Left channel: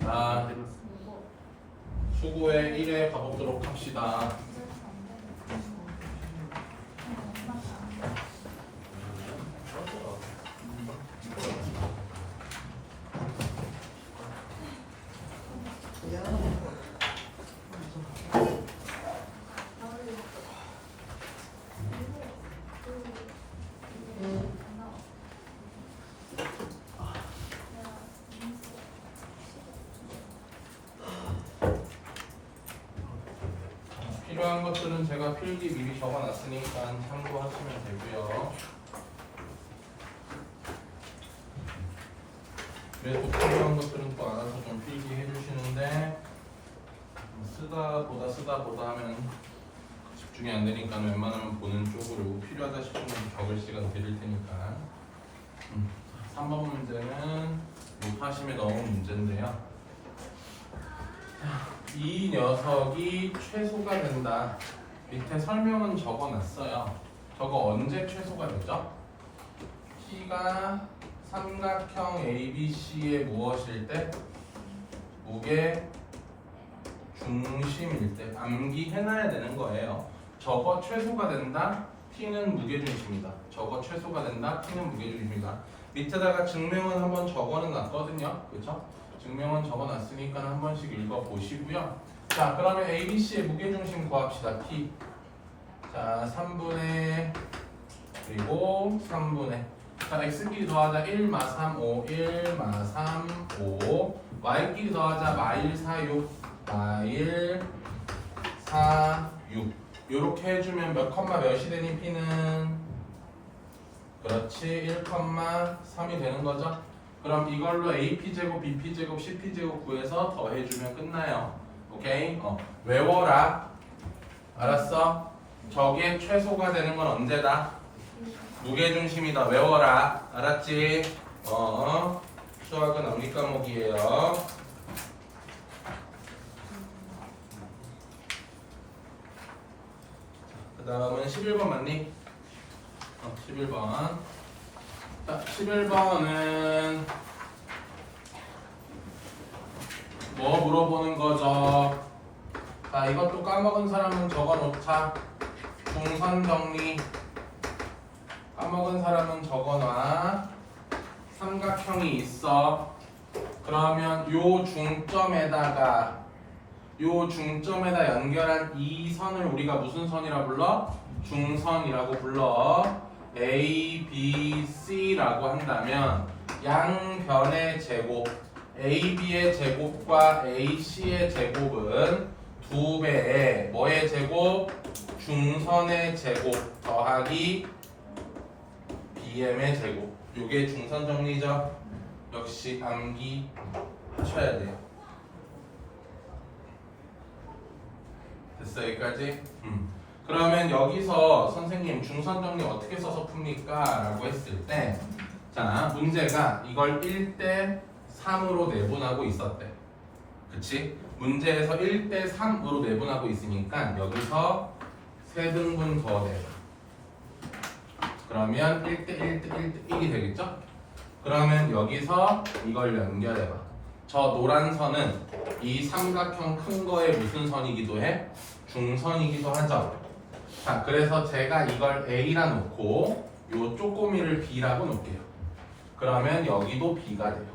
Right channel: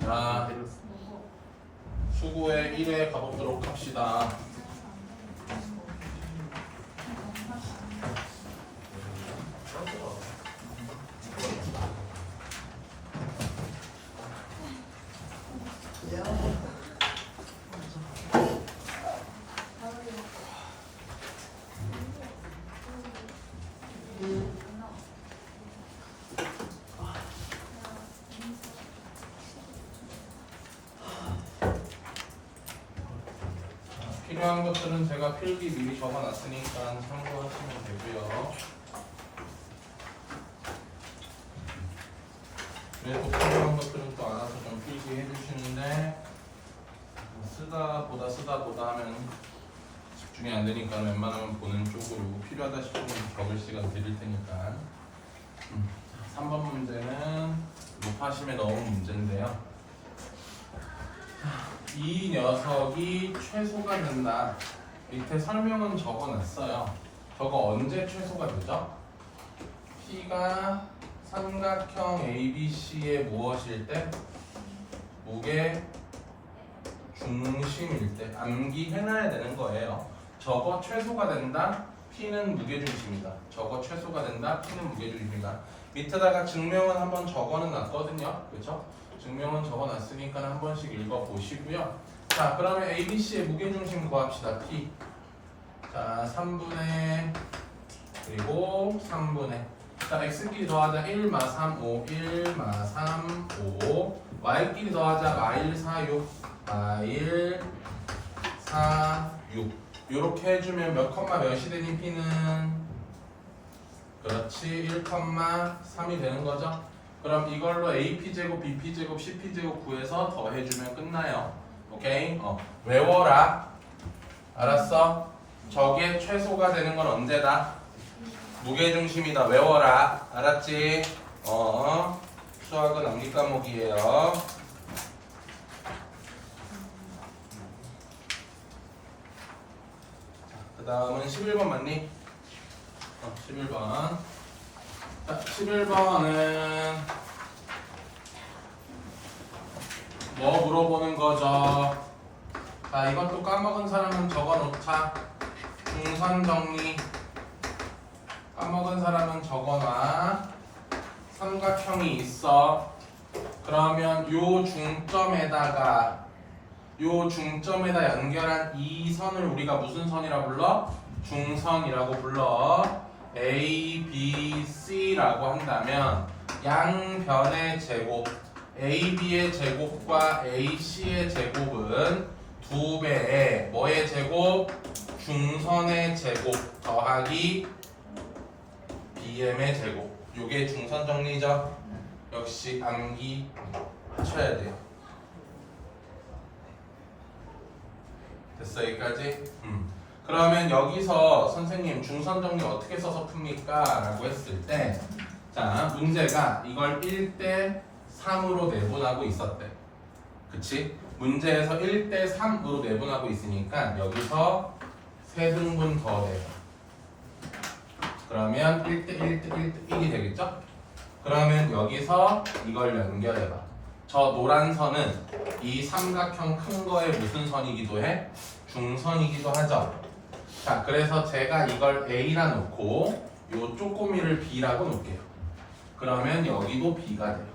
자, 수고의 1회 가보도록 합시다. 필요한 것들은 제가 필기 미리 적어놨으니까 참고하시면 되고요. 그래서 필요한 것들은 또 알아서 좀 필기해 주시는데 쓰다 보다 하면 집중이 안 되니까 웬만하면 보는 쪽으로 필요하다 싶으면 적을 시간 드릴 테니까. 3번 문제는 루파심에 넣은 문제인데요. 이 녀석이 최소가 된다. 밑에 설명은 적어놨어요. 저거 언제 최소가 되죠? P가 삼각형 ABC의 무엇일 때? 무게 중심일 때. 암기해놔야 되는 거예요. 저거 최소가 된다. P는 무게중심이다. 저거 최소가 된다. P는 무게중심이다. 밑에다가 증명은 한번 적어놨거든요. 그렇죠? 증명은 적어놨으니까 한 번씩 읽어보시고요. 자, 그러면 ABC의 무게중심 구합시다. P. 자, 3분의 그리고 3분의. 자, X끼리 더하자 1, 마 3, 5, 1, 마 3, 5. Y끼리 더하자 마일 4, 6, 마일 4, 6. 요렇게 해주면 몇 컴마 몇이 되니 P는? 그렇지, 1,3이 되는 거죠. 그럼 이걸로 AP제곱, BP제곱, CP제곱 구해서 더해주면 끝나요. 오케이? 외워라. 알았어? 저게 최소가 되는 건 언제다? 무게중심이다. 외워라. 알았지? 수학은 암기 과목이에요. 그 다음은 11번 맞니? 11번. 자, 11번은 뭐 물어보는 거죠? 자, 이것도 까먹은 사람은 적어놓자. 중선 정리. 까먹은 사람은 적어놔. 삼각형이 있어. 그러면 요 중점에다 연결한 이 선을 우리가 무슨 선이라 불러? 중선이라고 불러. A, B, C라고 한다면 양변의 제곱 AB의 제곱과 AC의 제곱은 2배의 뭐의 제곱? 중선의 제곱 더하기 BM의 제곱. 요게 중선 정리죠? 역시 암기 하셔야 돼요. 됐어 여기까지? 그러면 여기서 선생님 중선 정리 어떻게 써서 풉니까? 라고 했을 때 자, 문제가 이걸 1대 3으로 내분하고 있었대. 그치? 문제에서 1대 3으로 내분하고 있으니까 여기서 3등분 더 내봐. 그러면 1대 1대 1이 되겠죠? 그러면 여기서 이걸 연결해봐. 저 노란 선은 이 삼각형 큰 거의 무슨 선이기도 해? 중선이기도 하죠. 자, 그래서 제가 이걸 A라 놓고 요 쪼꼬미를 B라고 놓을게요. 그러면 여기도 B가 돼요.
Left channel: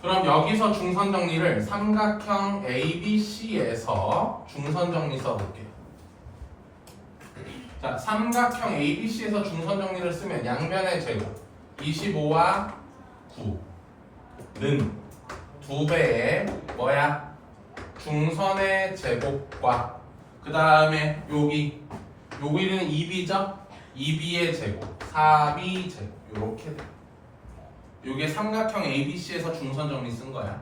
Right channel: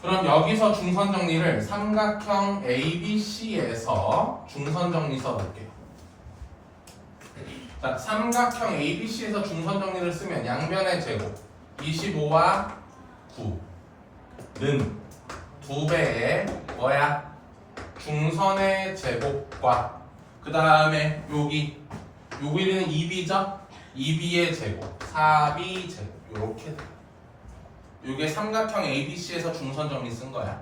그럼 여기서 중선 정리를 삼각형 ABC에서 중선 정리 써볼게요. 자, 삼각형 ABC에서 중선 정리를 쓰면 양변의 제곱 25와 9는 2배의 뭐야? 중선의 제곱과 그 다음에 여기는 2b죠? 2b의 제곱 4b 제곱 요렇게 돼요. 요게 삼각형 ABC에서 중선 정리 쓴 거야.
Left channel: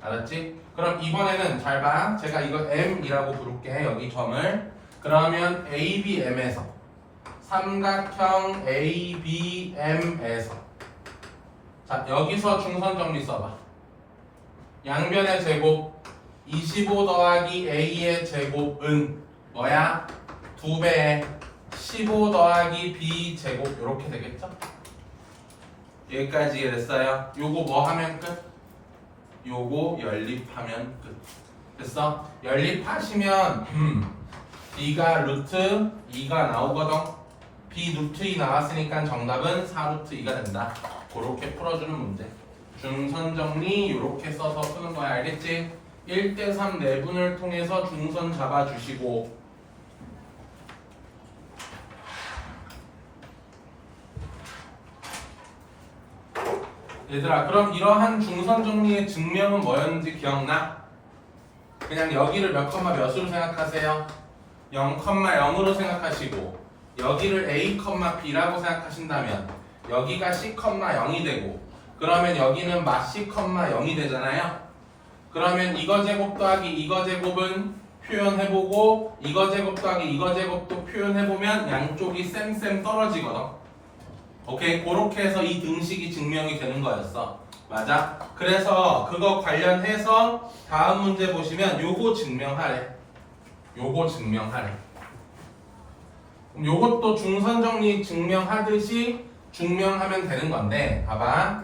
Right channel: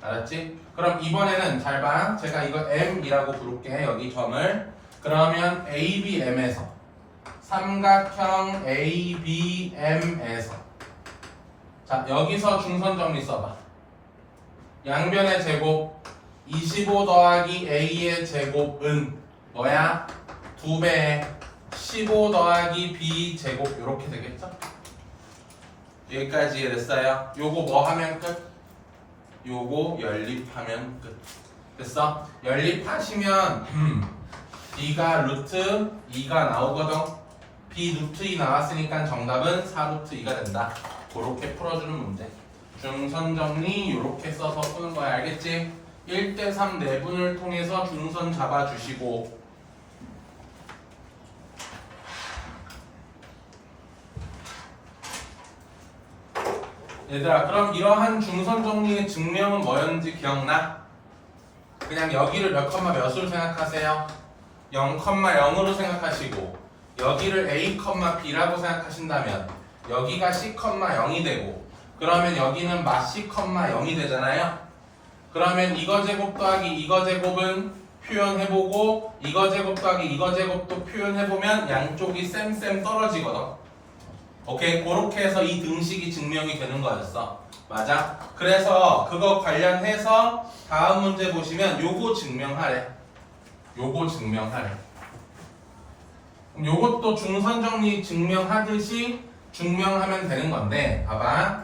알았지? 그럼 이번에는 잘 봐. 제가 이걸 M이라고 부를게. 여기 점을. 그러면 ABM에서 삼각형 ABM에서 자, 여기서 중선 정리 써봐. 양변의 제곱 25 더하기 A의 제곱은 뭐야? 2배 15 더하기 B 제곱 이렇게 되겠죠? 여기까지 이해됐어요? 요거 뭐 하면 끝? 요거 연립하면 끝. 됐어? 연립하시면 B가 루트 2가 나오거든. B 루트 2 나왔으니까 정답은 4 루트 2가 된다. 그렇게 풀어주는 문제. 중선 정리 이렇게 써서 푸는 거야. 알겠지? 1대3 내분을 통해서 중선 잡아주시고 얘들아 그럼 이러한 중선 정리의 증명은 뭐였는지 기억나? 그냥 여기를 몇 컴마 몇으로 생각하세요? 0,0으로 생각하시고 여기를 A, B라고 생각하신다면 여기가 C, 0이 되고 그러면 여기는 마C, 0이 되잖아요. 그러면 이거 제곱 더하기 이거 제곱은 표현해보고 이거 제곱 더하기 이거 제곱도 표현해보면 양쪽이 쌤 떨어지거든. 오케이? 그렇게 해서 이 등식이 증명이 되는 거였어. 맞아? 그래서 그거 관련해서 다음 문제 보시면 요거 증명하래. 요거 증명하래. 그럼 요것도 중선정리 증명하듯이 증명하면 되는 건데 봐봐.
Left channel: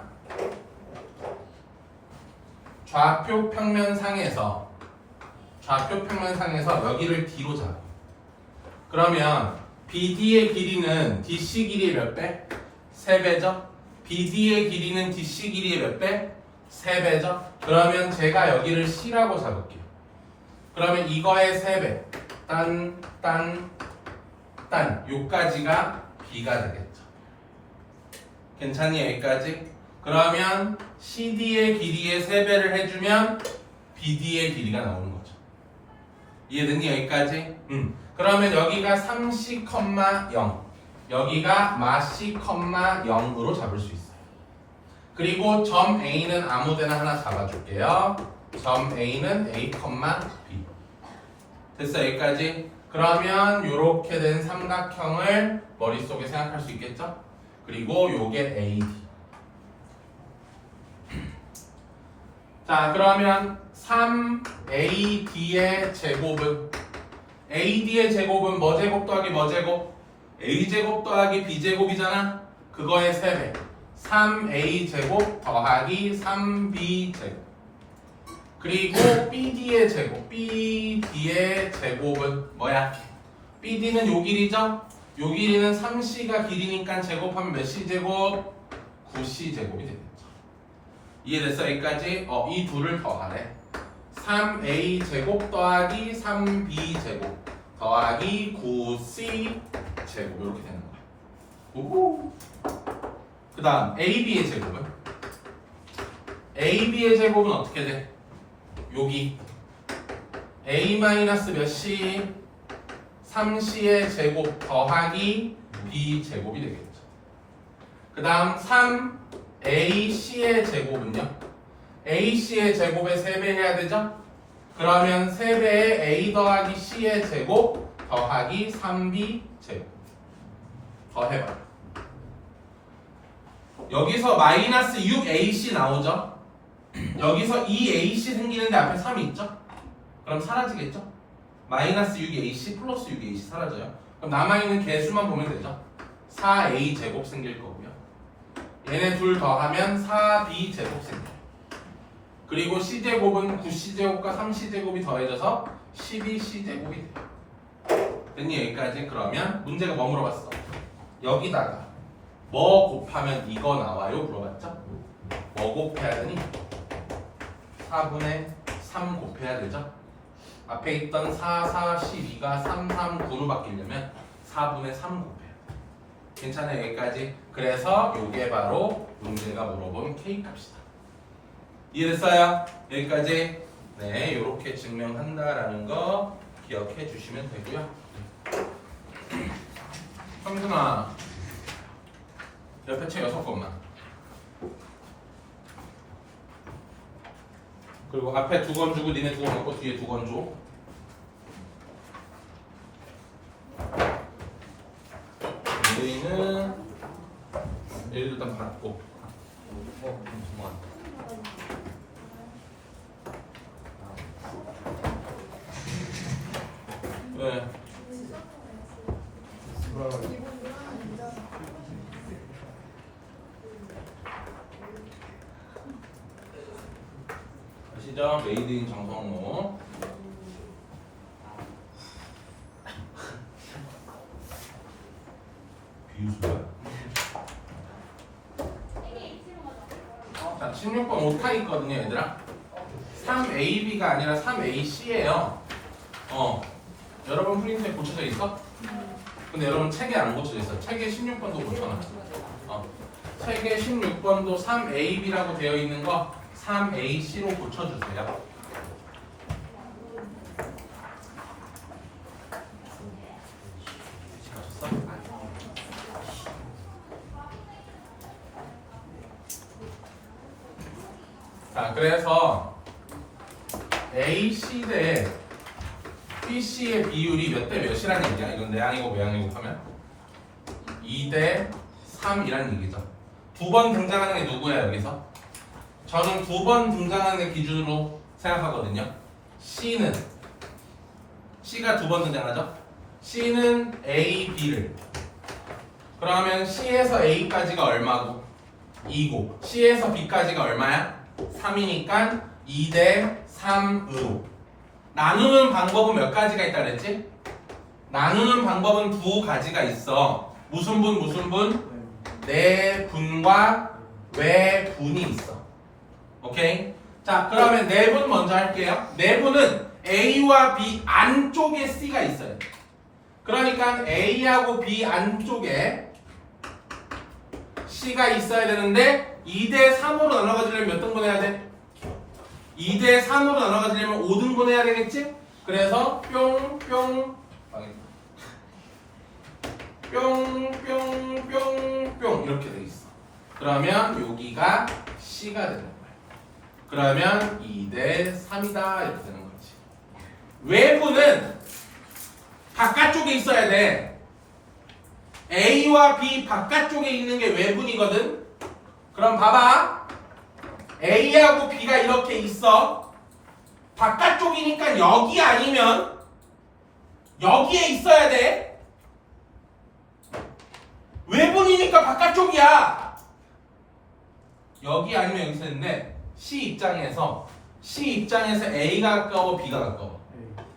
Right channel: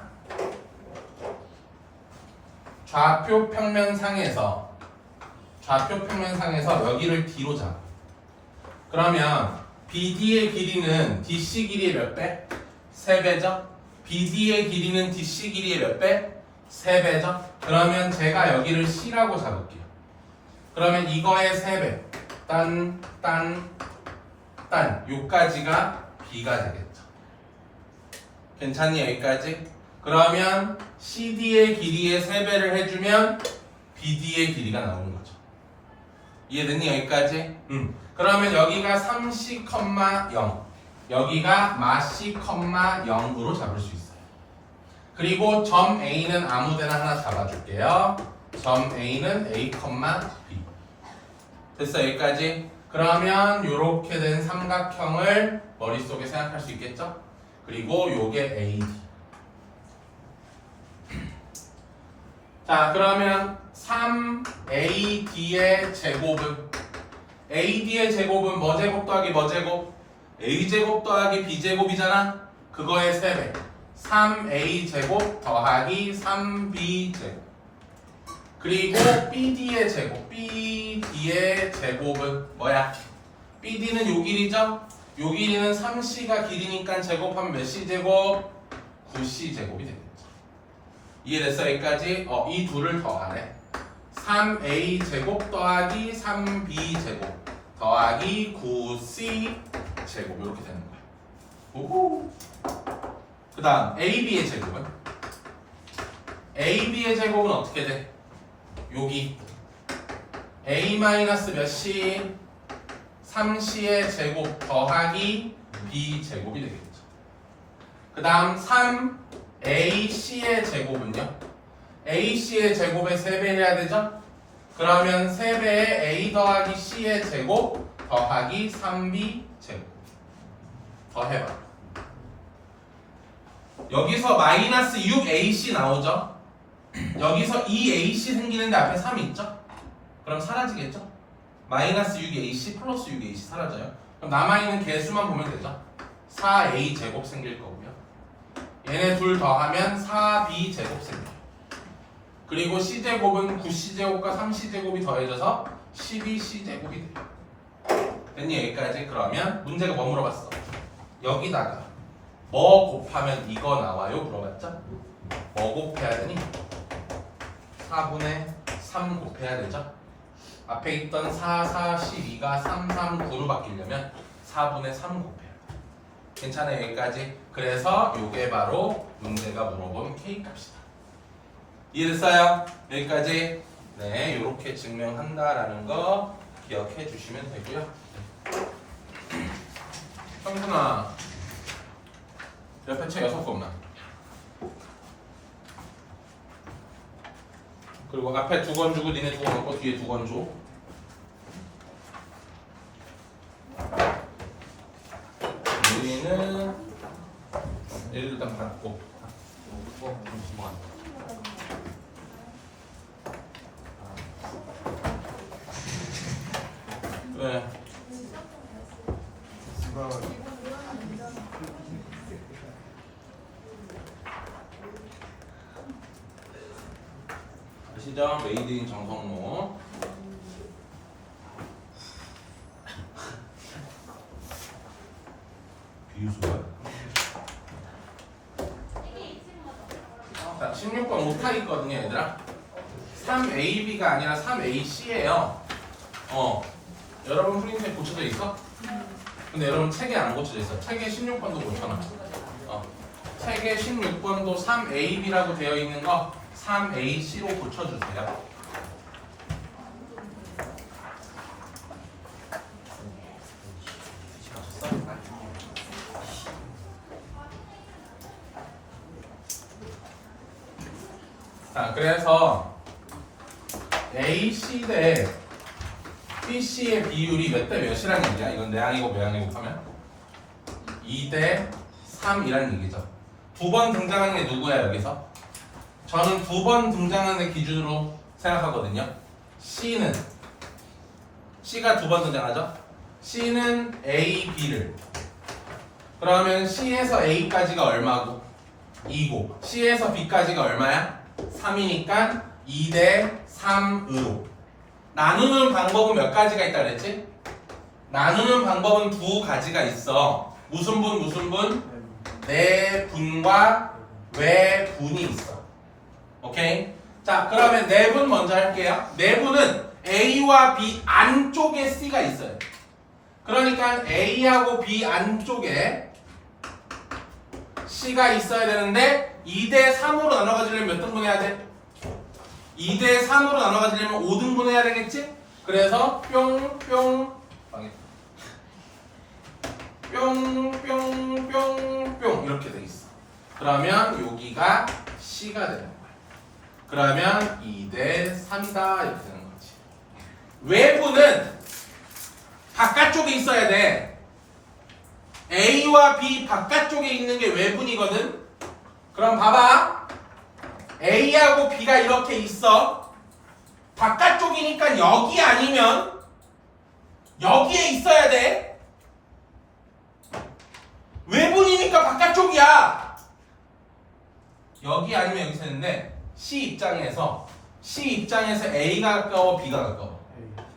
좌표 평면상에서 여기를 D로 잡아. 그러면 BD의 길이는 DC 길이의 몇 배? 3배죠? BD의 길이는 DC 길이의 몇 배? 3배죠? 그러면 제가 여기를 C라고 잡을게요. 그러면 이거의 3배 요까지가 B가 되겠죠. 괜찮니 여기까지? 그러면 CD의 길이의 3배를 해주면 BD의 길이가 나오는 거죠. 이해됐니 여기까지? 그러면 여기가 3C, 0 여기가 마C, 0으로 잡을 수 있어요. 그리고 점 A는 아무데나 하나 잡아줄게요. 점 A는 A, B. 됐어 여기까지? 그러면 이렇게 된 삼각형을 머릿속에 생각할 수 있겠죠? 그리고 요게 AD. 자 그러면 3AD의 제곱은 AD의 제곱은 뭐 제곱 더하기 뭐 제곱? A제곱 더하기 B제곱이잖아? 그거의 3배 3A제곱 더하기 3B제곱 그리고 BD의 제곱은 뭐야? BD는 요 길이죠? 요 길이는 3C가 길이니까 제곱하면 몇 C제곱? 9C제곱이 되겠죠. 이해됐어 여기까지? 이 둘을 더하래. 3A제곱 더하기 3B제곱 더하기 9C제곱 이렇게 되는 거야. 오호. 그 다음 AB의 제곱은? AB의 제곱은 어떻게 돼? 여기 A 마이너스 몇 C? 3C의 제곱 더하기 B제곱이 되겠죠. 그 다음 3AC의 제곱은요? AC의 제곱의 3배 해야 되죠? 그러면 3배의 A 더하기 C의 제곱 더하기 3B 제곱 더해봐. 여기서 마이너스 6AC 나오죠? 여기서 2AC 생기는데 앞에 3이 있죠? 그럼 사라지겠죠? 마이너스 6AC 플러스 6AC 사라져요. 그럼 남아있는 개수만 보면 되죠? 4A 제곱 생길 거고요. 얘네 둘 더하면 4B 제곱 생겨요. 그리고 C제곱은 9C제곱과 3C제곱이 더해져서 12C제곱이 돼요. 됐니 여기까지? 그러면 문제가 뭐 물어봤어? 여기다가 뭐 곱하면 이거 나와요? 물어봤죠? 뭐 곱해야 되니? 4분의 3 곱해야 되죠? 앞에 있던 4, 4, 12가 3, 3, 9로 바뀌려면 4분의 3 곱해야 돼. 괜찮아요 여기까지? 그래서 이게 바로 문제가 물어본 K값이다. 이해됐어요? 여기까지? 네, 이렇게 증명한다라는 거 기억해 주시면 되고요. 성준아, 옆에 책 6권만. 그리고 앞에 2권 주고 니네 2권 먹고 뒤에 2권 줘. 우리는 얘를 일단 받고. 왜? 아시죠? 메이드 인 정성모. 비유수야? 자, 16번 오타 있거든요, 얘들아. 3AB가 아니라 3AC예요. 여러분 프린트에 고쳐져 있어? 근데 여러분 책에 안 고쳐져 있어. 책에 16번도 고쳐놔. 책에 16번도 3AB라고 되어 있는 거 3AC로 고쳐주세요. 자, 그래서 AC 대 BC의 비율이 몇 대 몇이라는 얘기야. 이건 내항이고 외항이고 하면 2대 3이라는 얘기죠. 두 번 등장하는 게 누구야 여기서? 저는 두 번 등장하는 게 기준으로 생각하거든요. C가 두 번 등장하죠? C는 A, B를 그러면 C에서 A까지가 얼마고? 2고 C에서 B까지가 얼마야? 3이니까 2대 3으로 나누는 방법은 몇 가지가 있다 그랬지? 나누는 방법은 두 가지가 있어. 무슨 분 무슨 분? 내분과 외분이 있어. 오케이? 자, 그러면 내분 먼저 할게요. 내분은 A와 B 안쪽에 C가 있어요. 그러니까 A하고 B 안쪽에 C가 있어야 되는데 2대 3으로 나눠가지려면 몇 등분 해야 돼? 2대 3으로 나눠가지려면 5등분 해야 되겠지? 그래서 뿅뿅 이렇게 돼 있어. 그러면 여기가 C가 되는 거야. 그러면 2대 3이다 이렇게 되는 거지. 외부는 바깥쪽에 있어야 돼. A와 B 바깥쪽에 있는 게 외분이거든. 그럼 봐봐. A하고 B가 이렇게 있어. 바깥쪽이니까 여기 아니면 여기에 있어야 돼. 외분이니까 바깥쪽이야. 여기 아니면 여기 있었는데 C 입장에서 A가 가까워 B가 가까워?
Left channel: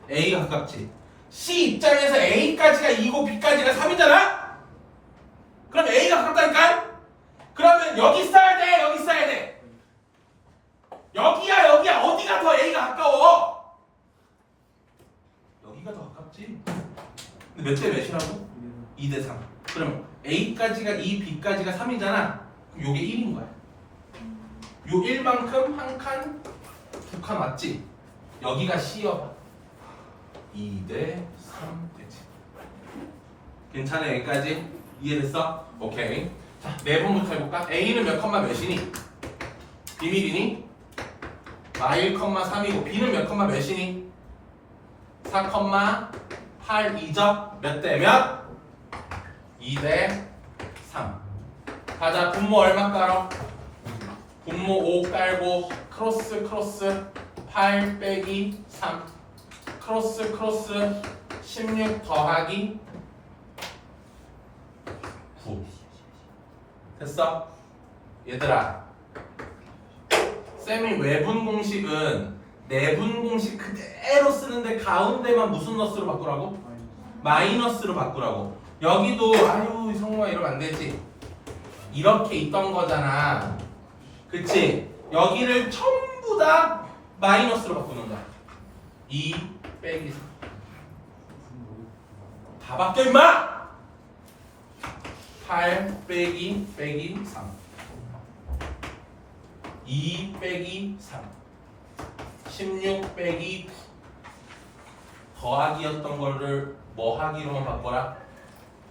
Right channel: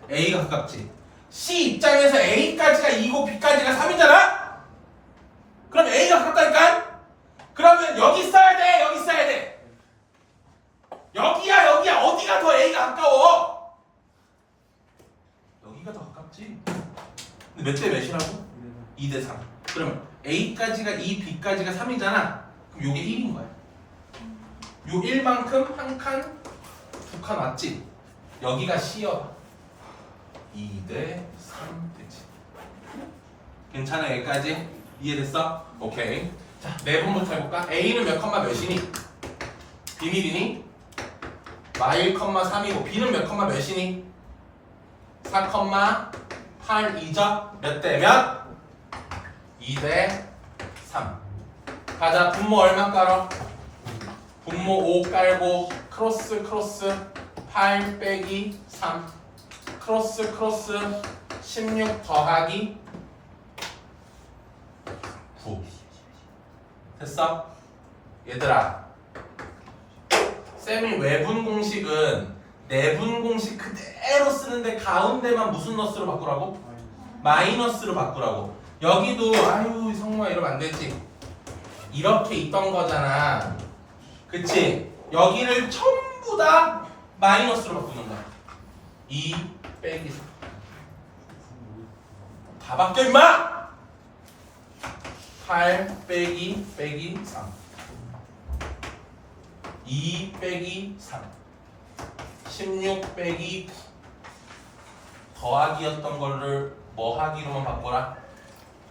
A가 가깝지. C 입장에서 A까지가 2고 B까지가 3이잖아? 그럼 A가 가깝다니까? 그러면 여기 써야 돼 여기 써야 돼. 여기야 어디가 더 A가 가까워? 여기가 더 가깝지. 근데 몇 대 몇이라고? 2대 3. 그러면 A까지가 2, B까지가 3이잖아. 그럼 요게 1인 거야. 요 1만큼 한 칸, 두 칸 왔지? 여기가 C여봐. 2대 3 되지. 괜찮아 여기까지? 이해됐어? 오케이. 자, 내분부터 해볼까? A는 몇 컴마 몇이니? 비밀이니? 마일 컴마 3이고 B는 몇 컴마 몇이니? 4 컴마 8이죠? 몇 대 몇? 2대 3. 가자. 분모 얼마 깔어? 분모 5 깔고 크로스 8 빼기 3 크로스 16 더하기 9. 됐어? 얘들아, 쌤이 외분 공식은 내분 공식 그대로 쓰는데 가운데만 무슨 너스로 바꾸라고? 마이너스로 바꾸라고. 여기도 아유 성우야 이러면 안 되지. 이렇게 있던 거잖아. 그치? 여기를 전부 다 마이너스로 바꾸는 거야. 2 빼기 3. 다 바뀌어 임마! 8 빼기 3. 2 빼기 3. 16 빼기 9. 더하기였던 거를 뭐 하기로만 바꿔라?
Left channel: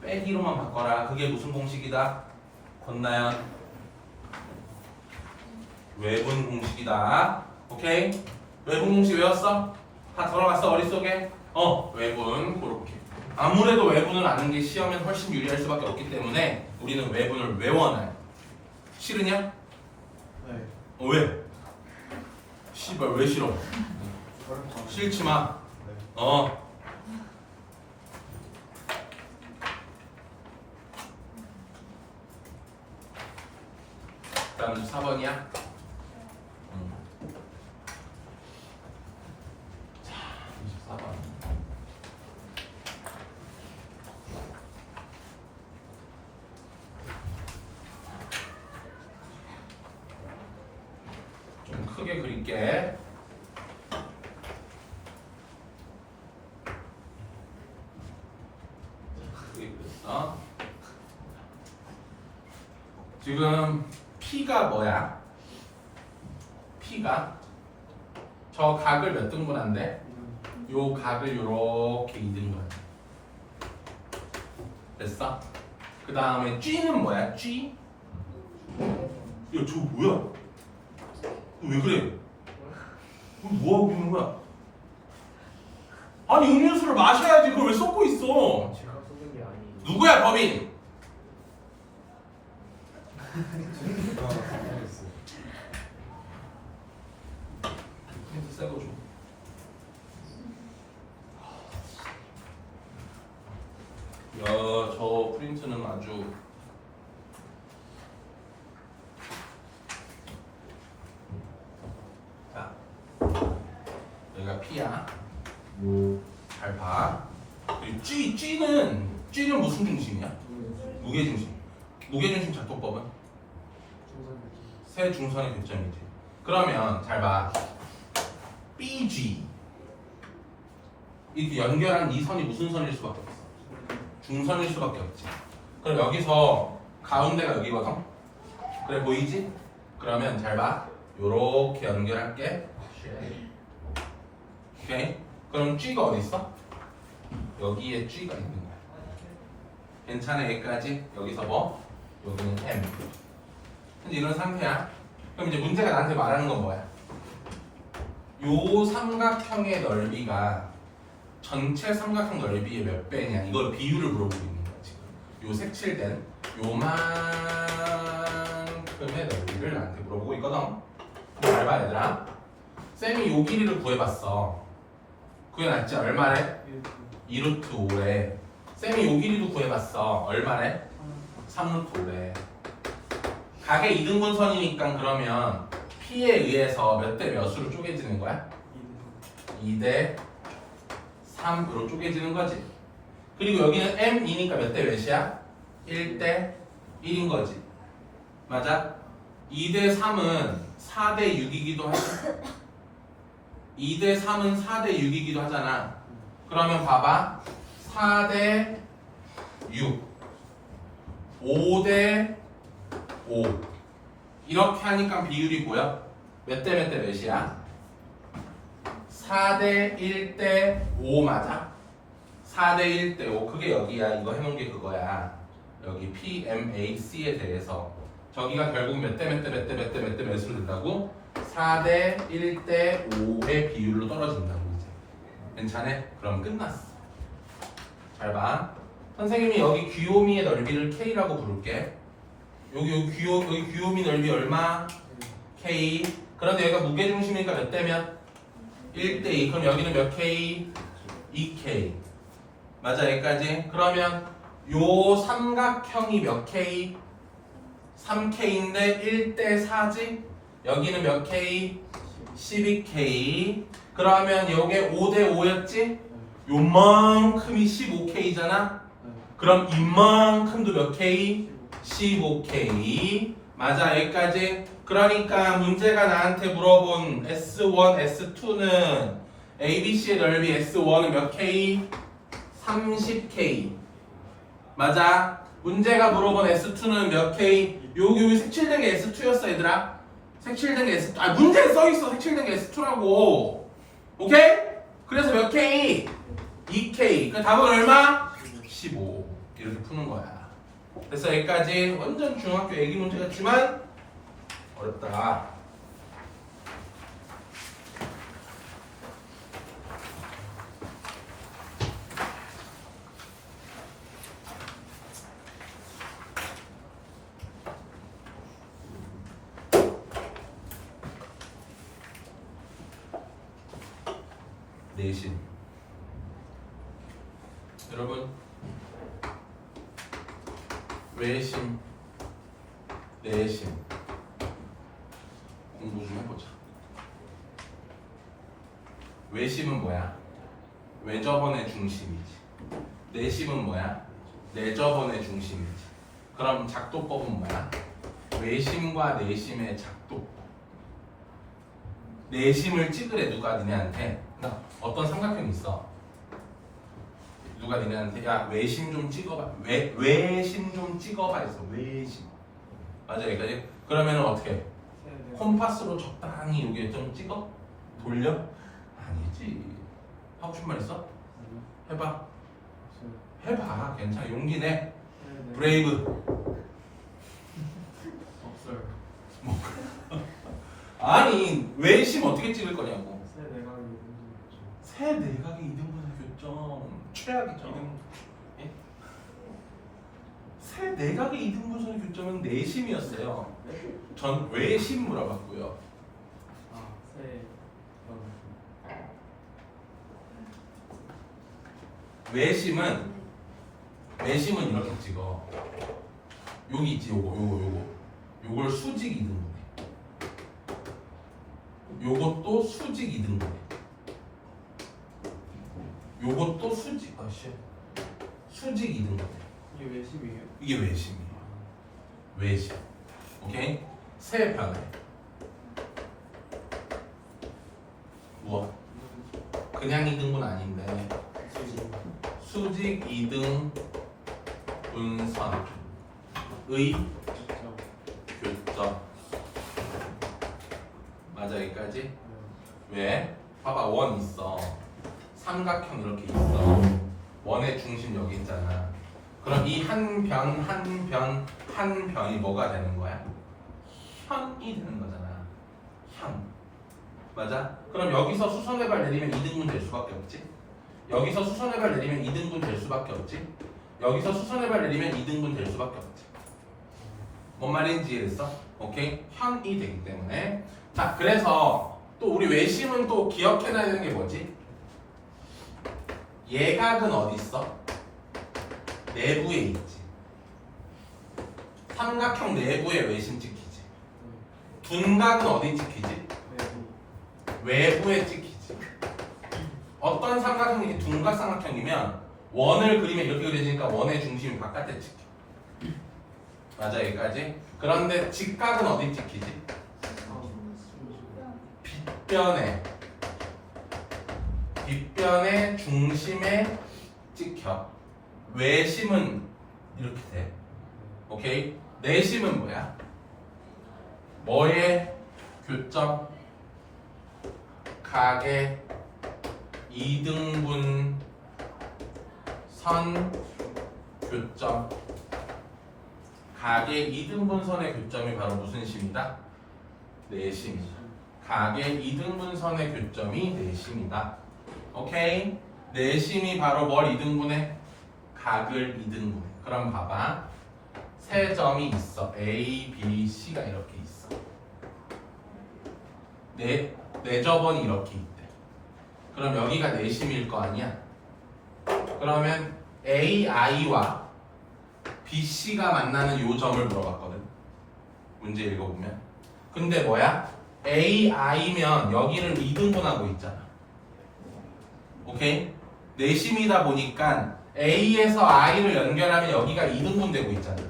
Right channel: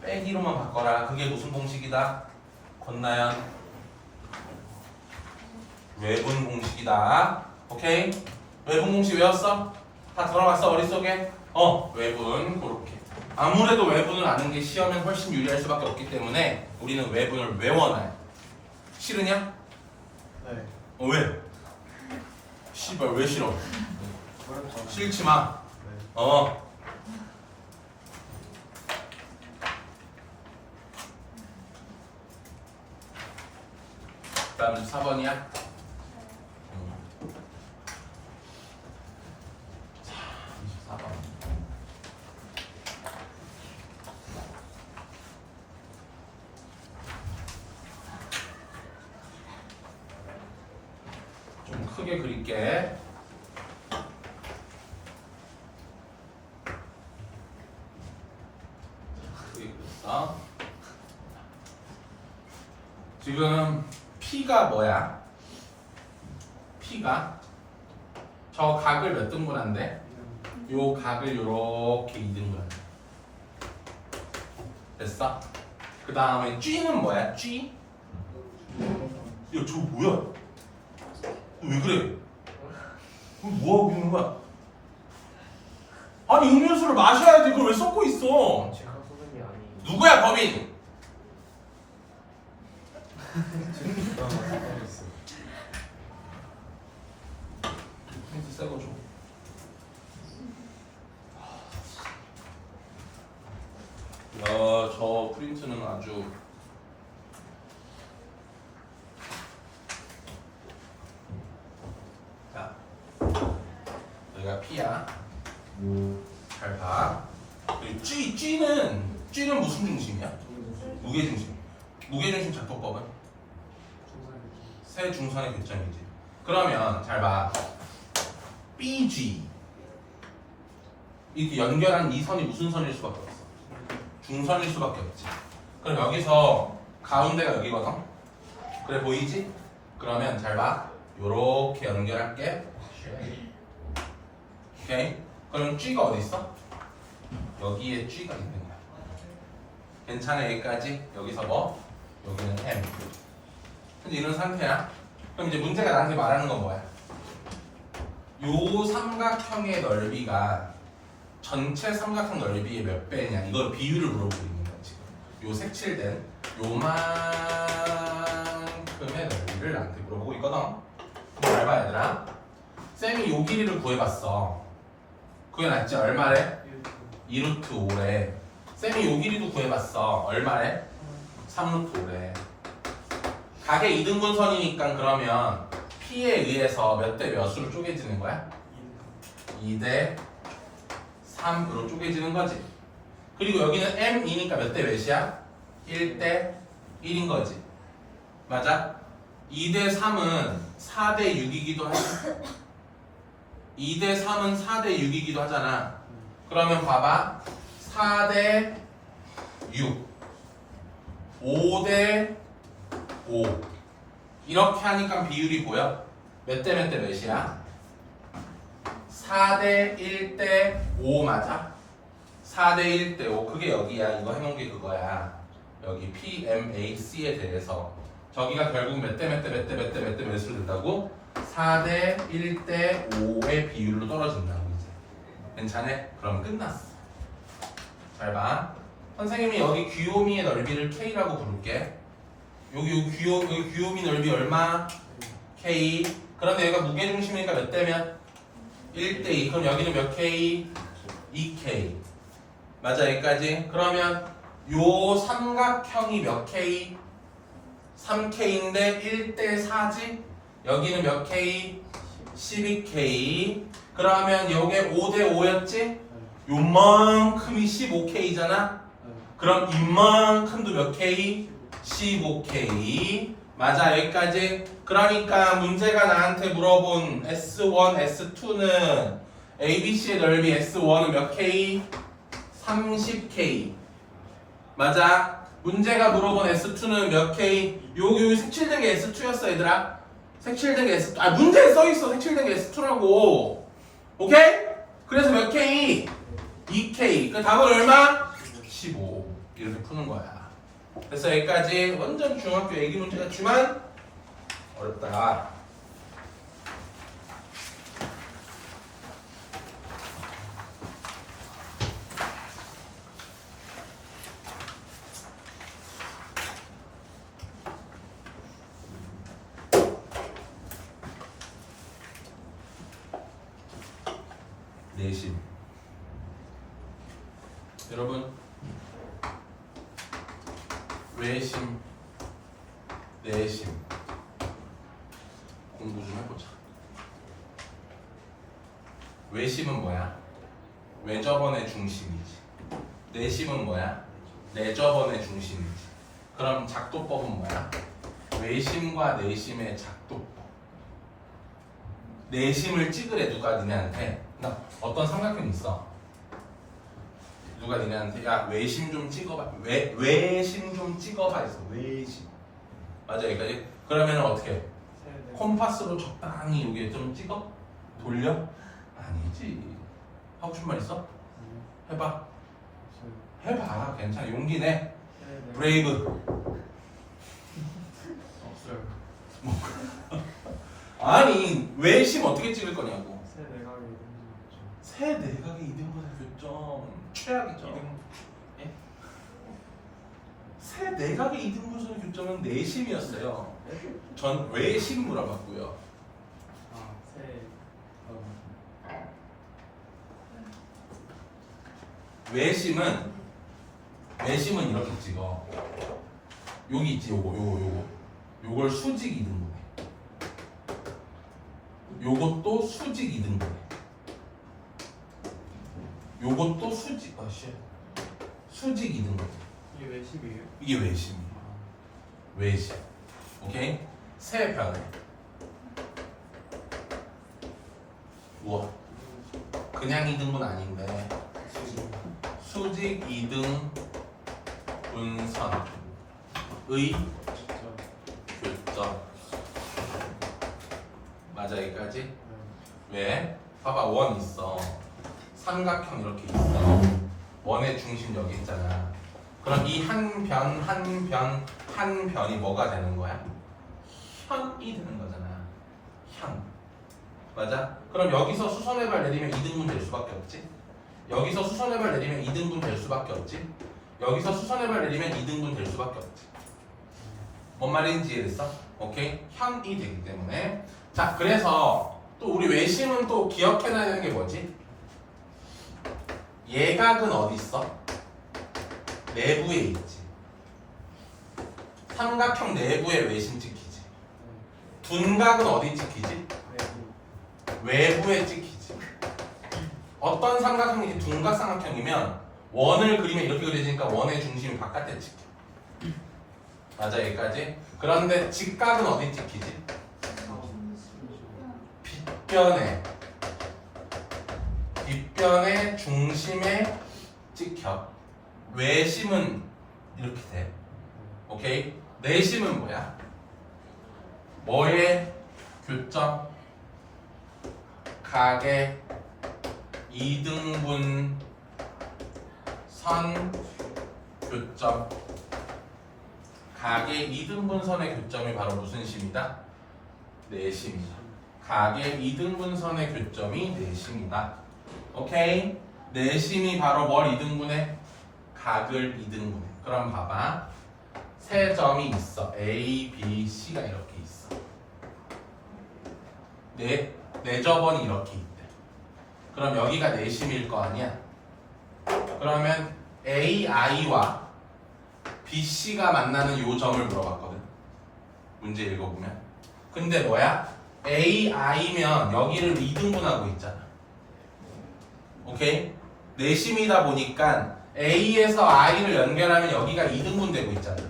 빼기로만 바꿔라. 그게 무슨 공식이다? 권나연 외분 공식이다. 오케이? 외분 공식 외웠어? 다 들어갔어 머릿속에? 외분 그렇게. 아무래도 외분을 아는 게 시험엔 훨씬 유리할 수밖에 없기 때문에 우리는 외분을 외워놔요. 싫으냐? 네. 왜? 씨발 왜 싫어? 싫지 마. 네. 다음 4번이야. 크게 그릴게. 지금 P가 뭐야? P가 저 각을 몇 등분한데? 요 각을 요렇게 2등분. 됐어? 그 다음에 G는 뭐야? G? 야, 저거 뭐야? 왜 그래? 뭐하고 있는 거야? 아니 음료수를 마셔야지. 그걸 왜 쏟고 있어? 제가 쏘는 게 아니에요. 누구야 법인? 프린트 새거 줘. 야, 저 프린트는 아주 자, 여기가 P야. 잘 봐. 그리고 G는 무슨 중심이야? 무게중심. 무게중심 작동법은 세 중선의 교점이지. 그러면 잘 봐. BG 이렇게 연결한 이 선이 무슨 선일 수밖에 없어? 중선일 수밖에 없지. 그럼 여기서 가운데가 여기거든. 그래 보이지? 그러면 잘 봐. 요렇게 연결할게. 오케이. 그럼 G가 어디 있어? 여기에 G가 있는 거야. 괜찮아 여기까지? 여기서 뭐? 여기는 M. 근데 이런 상태야. 그럼 이제 문제가 나한테 말하는 건 뭐야? 요 삼각형의 넓이가 전체 삼각형 넓이의 몇 배냐? 이걸 비율을 물어보고 있는 거야 지금. 요 색칠된 요만큼의 넓이를 나한테 물어보고 있거든. 잘 봐 얘들아. 쌤이 요 길이를 구해봤어. 구해놨지? 얼마래? 2루트 5래. 쌤이 요 길이도 구해봤어. 얼마래? 3루트 5래. 각의 2등분선이니까 그러면 P에 의해서 몇 대 몇으로 쪼개지는 거야? 2대 3으로 쪼개지는 거지. 그리고 여기는 M이니까 몇 대 몇이야? 1대 1인 거지. 맞아? 2대 3은 4대 6이기도 하지. 2대 3은 4대 6이기도 하잖아. 그러면 봐봐. 4대 6 5대 5 이렇게 하니까 비율이 보여? 몇 대 몇 대 몇이야? 4대 1대 5 맞아? 4대 1대 5 그게 여기야. 이거 해놓은 게 그거야. 여기 PMAC에 대해서 저기가 결국 몇 대 몇 대 몇 대 몇 대 몇 대 몇으로 된다고? 4대 1대 5의 비율로 떨어진다고 이제. 괜찮아? 그럼 끝났어. 잘 봐. 선생님이 여기 귀요미의 넓이를 K라고 부를게. 여기 귀요미 넓이 얼마? K. 그런데 여기가 무게중심이니까 몇 대면? 1대2. 그럼 여기는 몇 K? 2K. 맞아 여기까지? 그러면 요 삼각형이 몇 K? 3K인데 1대 4지? 여기는 몇 K? 12K. 그러면 요게 5대 5였지? 요만큼이 15K잖아? 그럼 이만큼도 몇 K? 15K. 맞아 여기까지? 그러니까 문제가 나한테 물어본 S1, S2는 ABC의 넓이 S1은 몇 K? 30K. 맞아? 문제가 물어본 S2는 몇 K? 여기 색칠된 게 S2였어 얘들아. 색칠된 게 S2. 아 문제에 써있어 색칠된 게 S2라고. 오케이? 그래서 몇 K? 2K. 그 답은 얼마? 15. 이렇게 푸는 거야. 그래서 여기까지 완전 중학교 애기 문제 같지만 어렵다. 내심. 여러분 외심, 내심 공부 좀 해보자. 외심은 뭐야? 외접원의 중심이지. 내심은 뭐야? 내접원의 중심이지. 그럼 작도법은 뭐야? 외심과 내심의 작도법. 내심을 찍으래 누가 니네한테. 나 어떤 삼각형이 있어. 누가 니네한테 야 외심 좀 찍어봐. 외심 좀 찍어봐 했어. 외심. 맞아 여기까지. 그러면은 어떻게? 콤파스로 적당히 여기 좀 찍어? 돌려? 아니지. 하고 싶은 말 있어? 해봐. 해봐. 괜찮아. 용기 내. 브레이브. 없어요. 아니 외심 어떻게 찍을 거냐고. 새 내각을 던지겠죠. 새 내각의 이등분의 교점 최악이죠. 예? 새 내각의 이등분선의 교점은 내심이었어요. 전 외심 물어봤고요. 새 외심은 이렇게 찍어. 여기 있지 요걸 수직 이등분해. 요것도 수직 이등분해. 요것도 수직 수직 이등분해. 이게 외심이에요? 이게 외심이에요. 외심. 오케이? 세 변해. 뭐? 그냥 이등분 아닌데 수직 이등 분선의 교점. 맞아 여기까지? 왜? 봐봐 원 있어. 삼각형 이렇게 있어. 원의 중심 여기 있잖아. 그럼 이 한 변이 뭐가 되는 거야? 현이 되는 거잖아. 현. 맞아? 그럼 여기서 수선의 발 내리면 2등분 될 수밖에 없지? 여기서 수선의 발 내리면 2등분 될 수밖에 없지? 여기서 수선의 발 내리면 2등분 될 수밖에 없지? 뭔 말인지 이해됐어? 오케이? 현이 되기 때문에. 자 그래서 또 우리 외심은 또 기억해놔야 되는 게 뭐지? 예각은 어디 있어? 내부에 있지. 삼각형 내부에 외심 찍히지. 둔각은 어디 찍히지? 외부에 찍히지. 어떤 삼각형이 둔각 삼각형이면 원을 그리면 이렇게 그려지니까 원의 중심이 바깥에 찍혀. 맞아 여기까지? 그런데 직각은 어디 찍히지? 빗변의 중심에 찍혀. 외심은 이렇게 돼. 오케이? 내심은 뭐야? 뭐의 교점? 각의 이등분 선 교점. 각의 이등분선의 교점이 바로 무슨 심이다? 내심이다. 각의 이등분선의 교점이 내심이다. 오케이? 내심이 바로 뭘 이등분해? 각을 이등분해. 그럼 봐봐. 세 점이 있어. A, B, C가 이렇게 있어. 네 점이 이렇게 있대. 그럼 여기가 내심일 거 아니야? 그러면 A, I와 B, C가 만나는 요 점을 물어봤거든. 문제 읽어보면. 근데 뭐야? A, I면 여기를 2등분하고 있잖아. 오케이? 내심이다 보니까 A에서 I를 연결하면 여기가 2등분 되고 있잖아.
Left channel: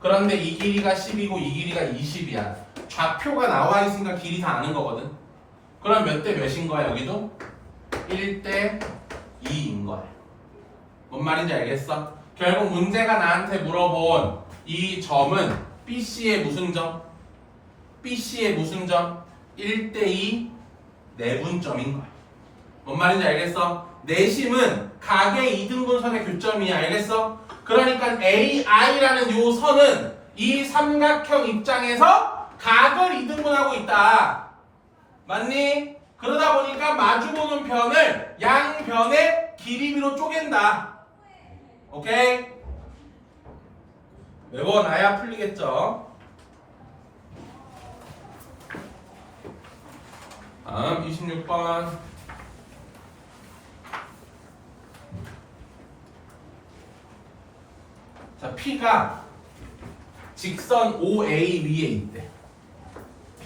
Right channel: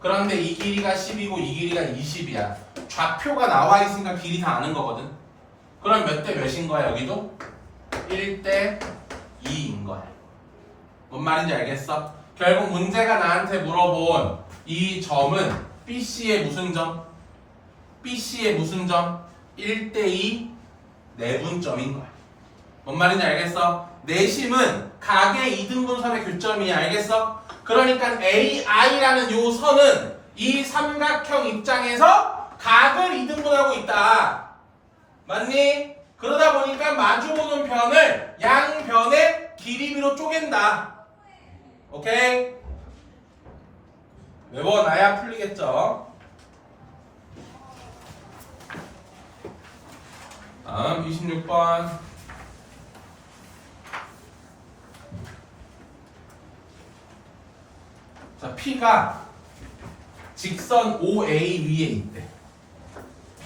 그런데 이 길이가 10이고 이 길이가 20이야. 좌표가 나와 있으니까 길이 다 아는 거거든. 그럼 몇 대 몇인 거야 여기도? 1대 2인 거야. 뭔 말인지 알겠어? 결국 문제가 나한테 물어본 이 점은 BC의 무슨 점? BC의 무슨 점? 1대2 내분점인 거야. 뭔 말인지 알겠어? 내심은 각의 이등분선의 교점이야. 알겠어? 그러니까 AI라는 요 선은 이 삼각형 입장에서 각을 이등분하고 있다. 맞니? 그러다 보니까 마주보는 변을 양변의 길이비로 쪼갠다. 오케이? 외워놔야 풀리겠죠? 다음 26번. 자, P가 직선 OA 위에 있대.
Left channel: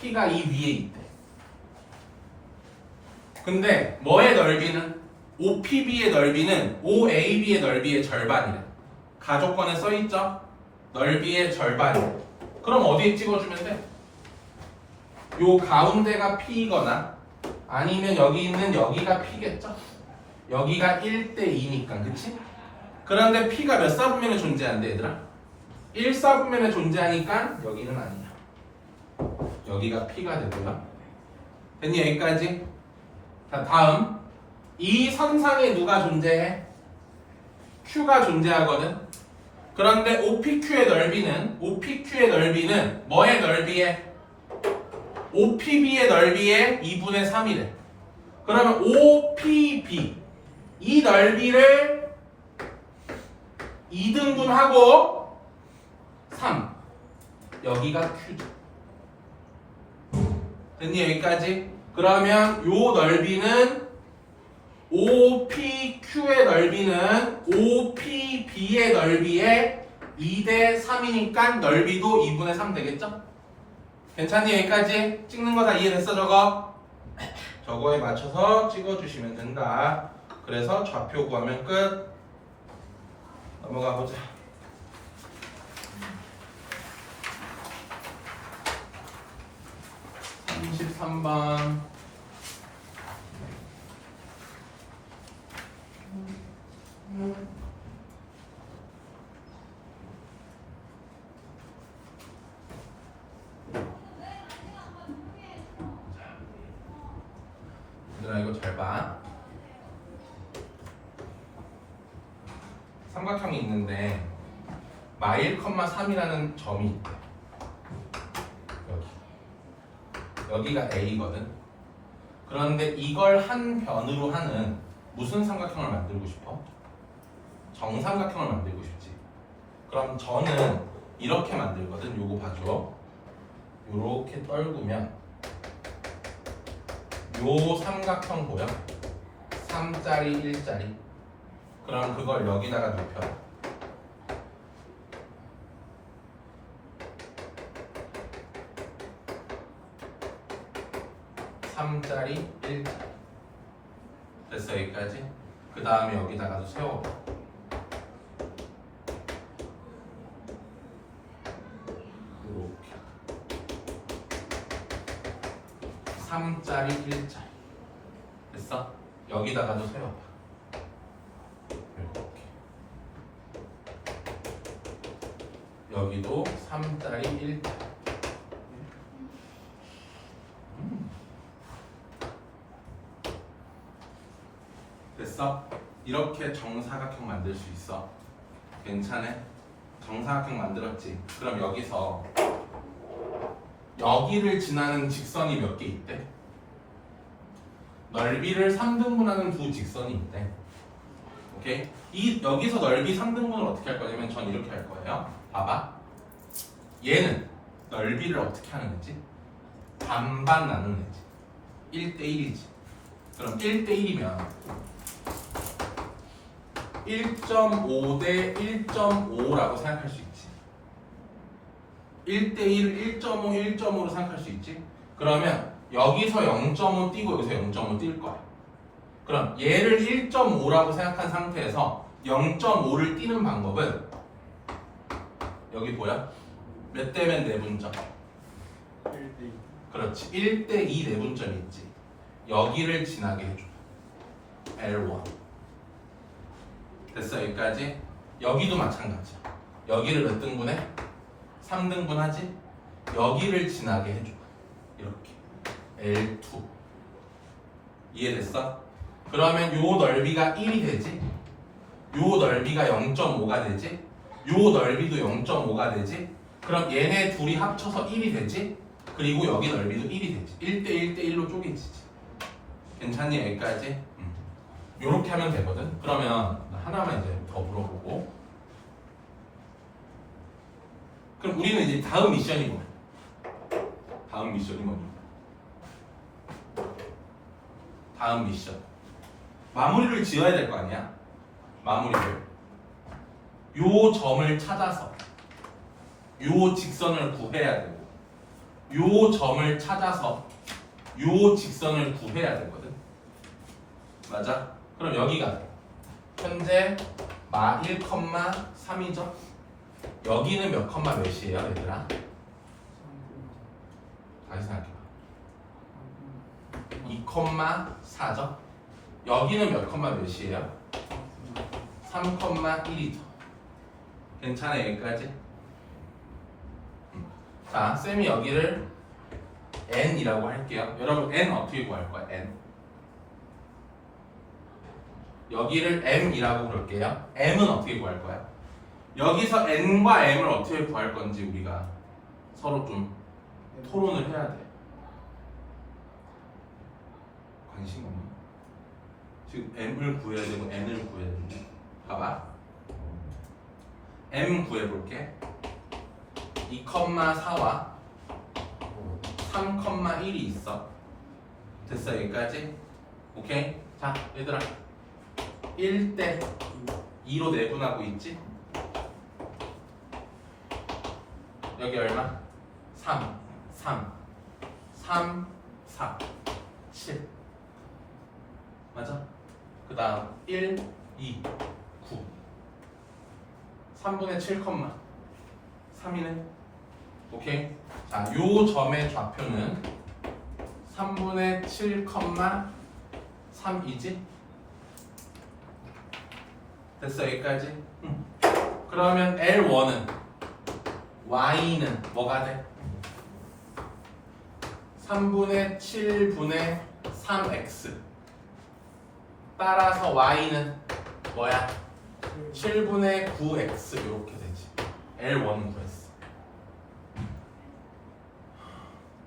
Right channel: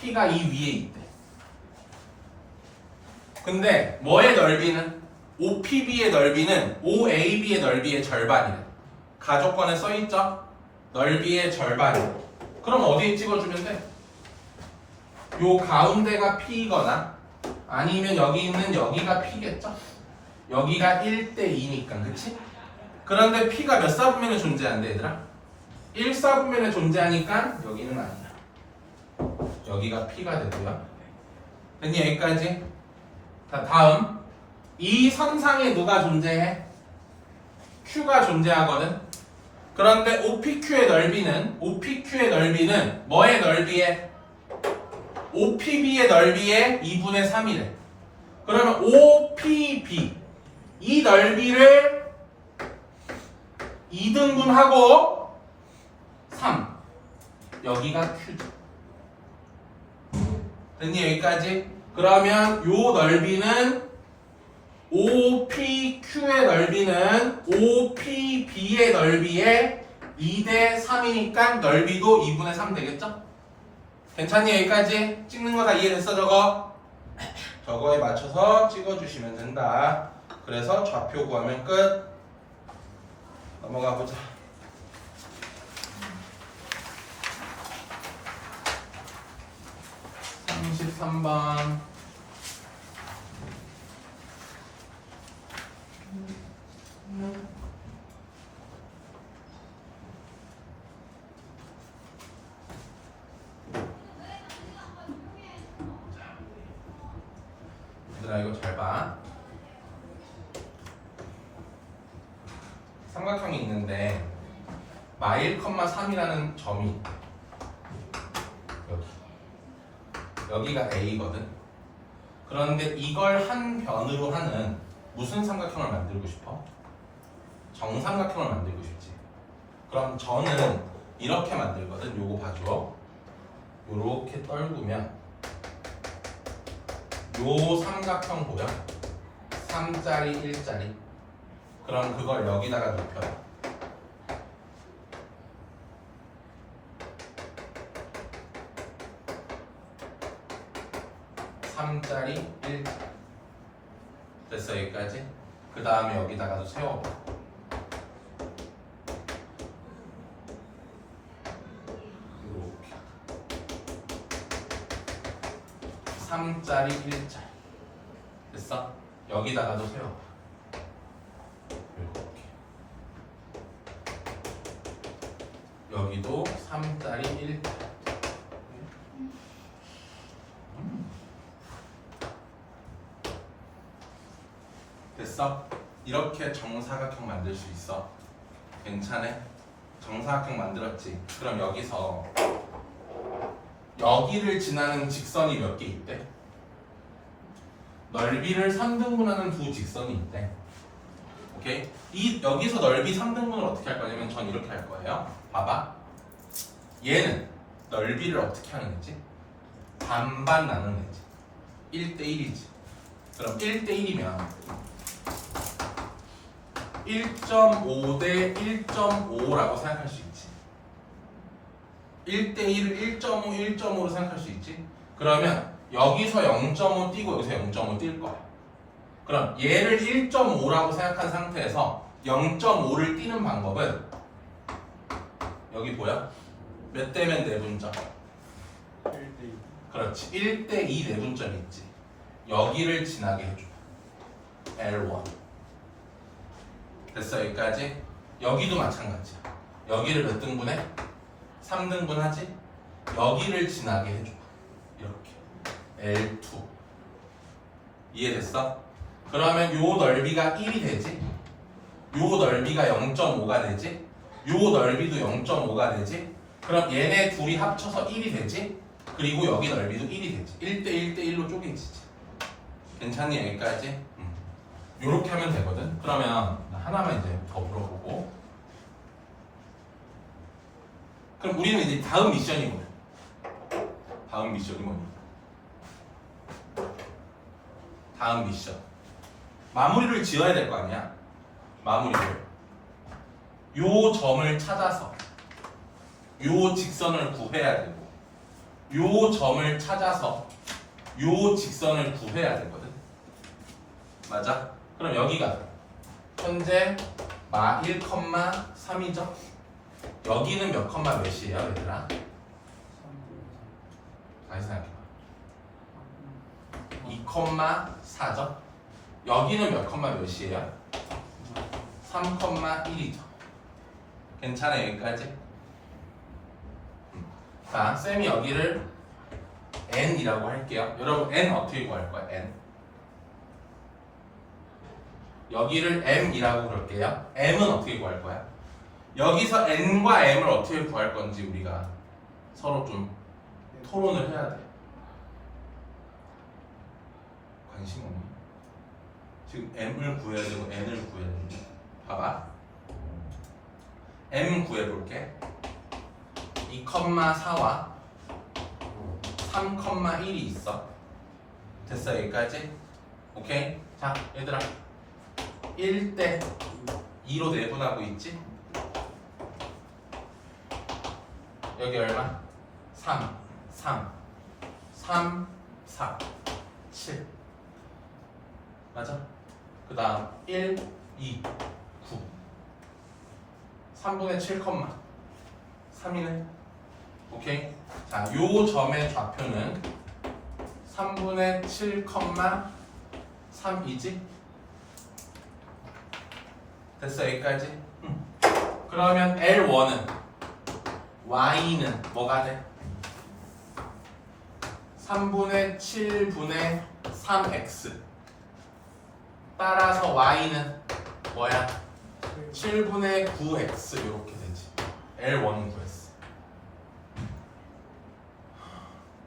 P가 이 위에 있대. 근데 뭐의 넓이는? OPB의 넓이는 OAB의 넓이의 절반이래. 가족권에 써있죠? 넓이의 절반이래. 그럼 어디에 찍어주면 돼? 요 가운데가 P이거나 아니면 여기 있는 여기가 P겠죠? 여기가 1대2니까 그치? 그런데 P가 몇 사분면에 존재한대 얘들아? 1사분면에 존재하니까 여기는 아니야. 여기가 P가 되고요. 됐니 여기까지? 자 다음 이 선상에 누가 존재해? Q가 존재하거든. 그런데 OPQ의 넓이는 뭐의 넓이에? OPB의 넓이의 2분의 3이래. 그러면 OPB 이 넓이를 2등분하고 3 여기가 Q죠. 됐니 여기까지? 그러면 요 넓이는 OPQ의 넓이는 OPB의 넓이의 2대 3이니까 넓이도 2분의 3 되겠죠? 괜찮니 여기까지? 찍는 거 다 이해됐어 저거? 저거에 맞춰서 찍어주시면 된다. 그래서 좌표 구하면 끝. 넘어가 보자. (33번) 얘들아 이거 잘 봐. 삼각형이 있는데 (1,3이라는) 점이 있대. 여기가 A거든. 그런데 이걸 한 변으로 하는 무슨 삼각형을 만들고 싶어? 정삼각형을 만들고 싶지. 그럼 저는 이렇게 만들거든. 요거 봐줘. 요렇게 떨구면 요 삼각형 보여? 3짜리 1짜리. 그럼 그걸 여기다가 눕혀. 3짜리 1짜리. 됐어 여기까지? 그 다음에 여기다가도 세워봐. 이렇게 3짜리 1짜리. 됐어? 여기다가도 세워봐. 이렇게 여기도 3짜리 1짜리. 됐어? 이렇게 정사각형 만들 수 있어. 괜찮아? 정사각형 만들었지? 그럼 여기서 여기를 지나는 직선이 몇 개 있대? 넓이를 3등분하는 두 직선이 있대. 오케이? 여기서 넓이 3등분을 어떻게 할 거냐면 전 이렇게 할 거예요. 봐봐. 얘는 넓이를 어떻게 하는 거지? 반반 나누는 거지. 1대1이지. 그럼 1대1이면 1.5 대 1.5라고 생각할 수 있지. 1대1을 1.5, 1.5로 생각할 수 있지. 그러면 여기서 0.5 띄고 여기서 0.5 뛸 거야. 그럼 얘를 1.5라고 생각한 상태에서 0.5를 띄는 방법은 여기 보여? 몇 대면 내분점? 1대2. 그렇지. 1대2 내분점이 있지. 여기를 지나게 해줘. L1. 됐어 여기까지? 여기도 마찬가지. 여기를 몇 등분해? 3등분 하지? 여기를 지나게 해줘. 이렇게 L2. 이해됐어? 그러면 요 넓이가 1이 되지? 요 넓이가 0.5가 되지? 요 넓이도 0.5가 되지? 그럼 얘네 둘이 합쳐서 1이 되지? 그리고 여기 넓이도 1이 되지. 1대 1대1로 쪼개지지. 괜찮니 여기까지? 요렇게 하면 되거든. 그러면 하나만 이제 더 물어보고. 그럼 우리는 이제 다음 미션이 뭐야? 다음 미션이 뭐냐? 다음 미션. 마무리를 지어야 될 거 아니야? 마무리를. 요 점을 찾아서 요 직선을 구해야 되고, 요 점을 찾아서 요 직선을 구해야 되거든. 맞아? 그럼 여기가 현재 마 1,3이죠? 여기는 몇 컴마 몇이에요 얘들아? 다시 생각해봐. 2,4죠. 여기는 몇 컴마 몇이에요? 3,1이죠. 괜찮아요 여기까지? 자, 쌤이 여기를 n이라고 할게요. 여러분 n 어떻게 구할 거야? n 여기를 m이라고 그럴게요. m은 어떻게 구할 거야? 여기서 n과 m을 어떻게 구할 건지 우리가 서로 좀 토론을 해야 돼. 관심 없니? 지금 m을 구해야 되고 n을 구해야 되는데 봐봐. m 구해볼게. 2,4와 3,1이 있어. 됐어 여기까지? 오케이? 자 얘들아 1대 2로 내분하고 있지? 여기 얼마? 3, 3, 3, 4, 7 맞아? 그 다음 1, 2, 9 3분의 7, 3이네. 오케이? 자, 요 점의 좌표는 3분의 7, 3이지? 됐어 여기까지? 그러면 L1은 Y는 뭐가 돼? 3분의 7분의 3X 따라서 Y는 뭐야? 7분의 9X 이렇게 되지. L1은 구했어.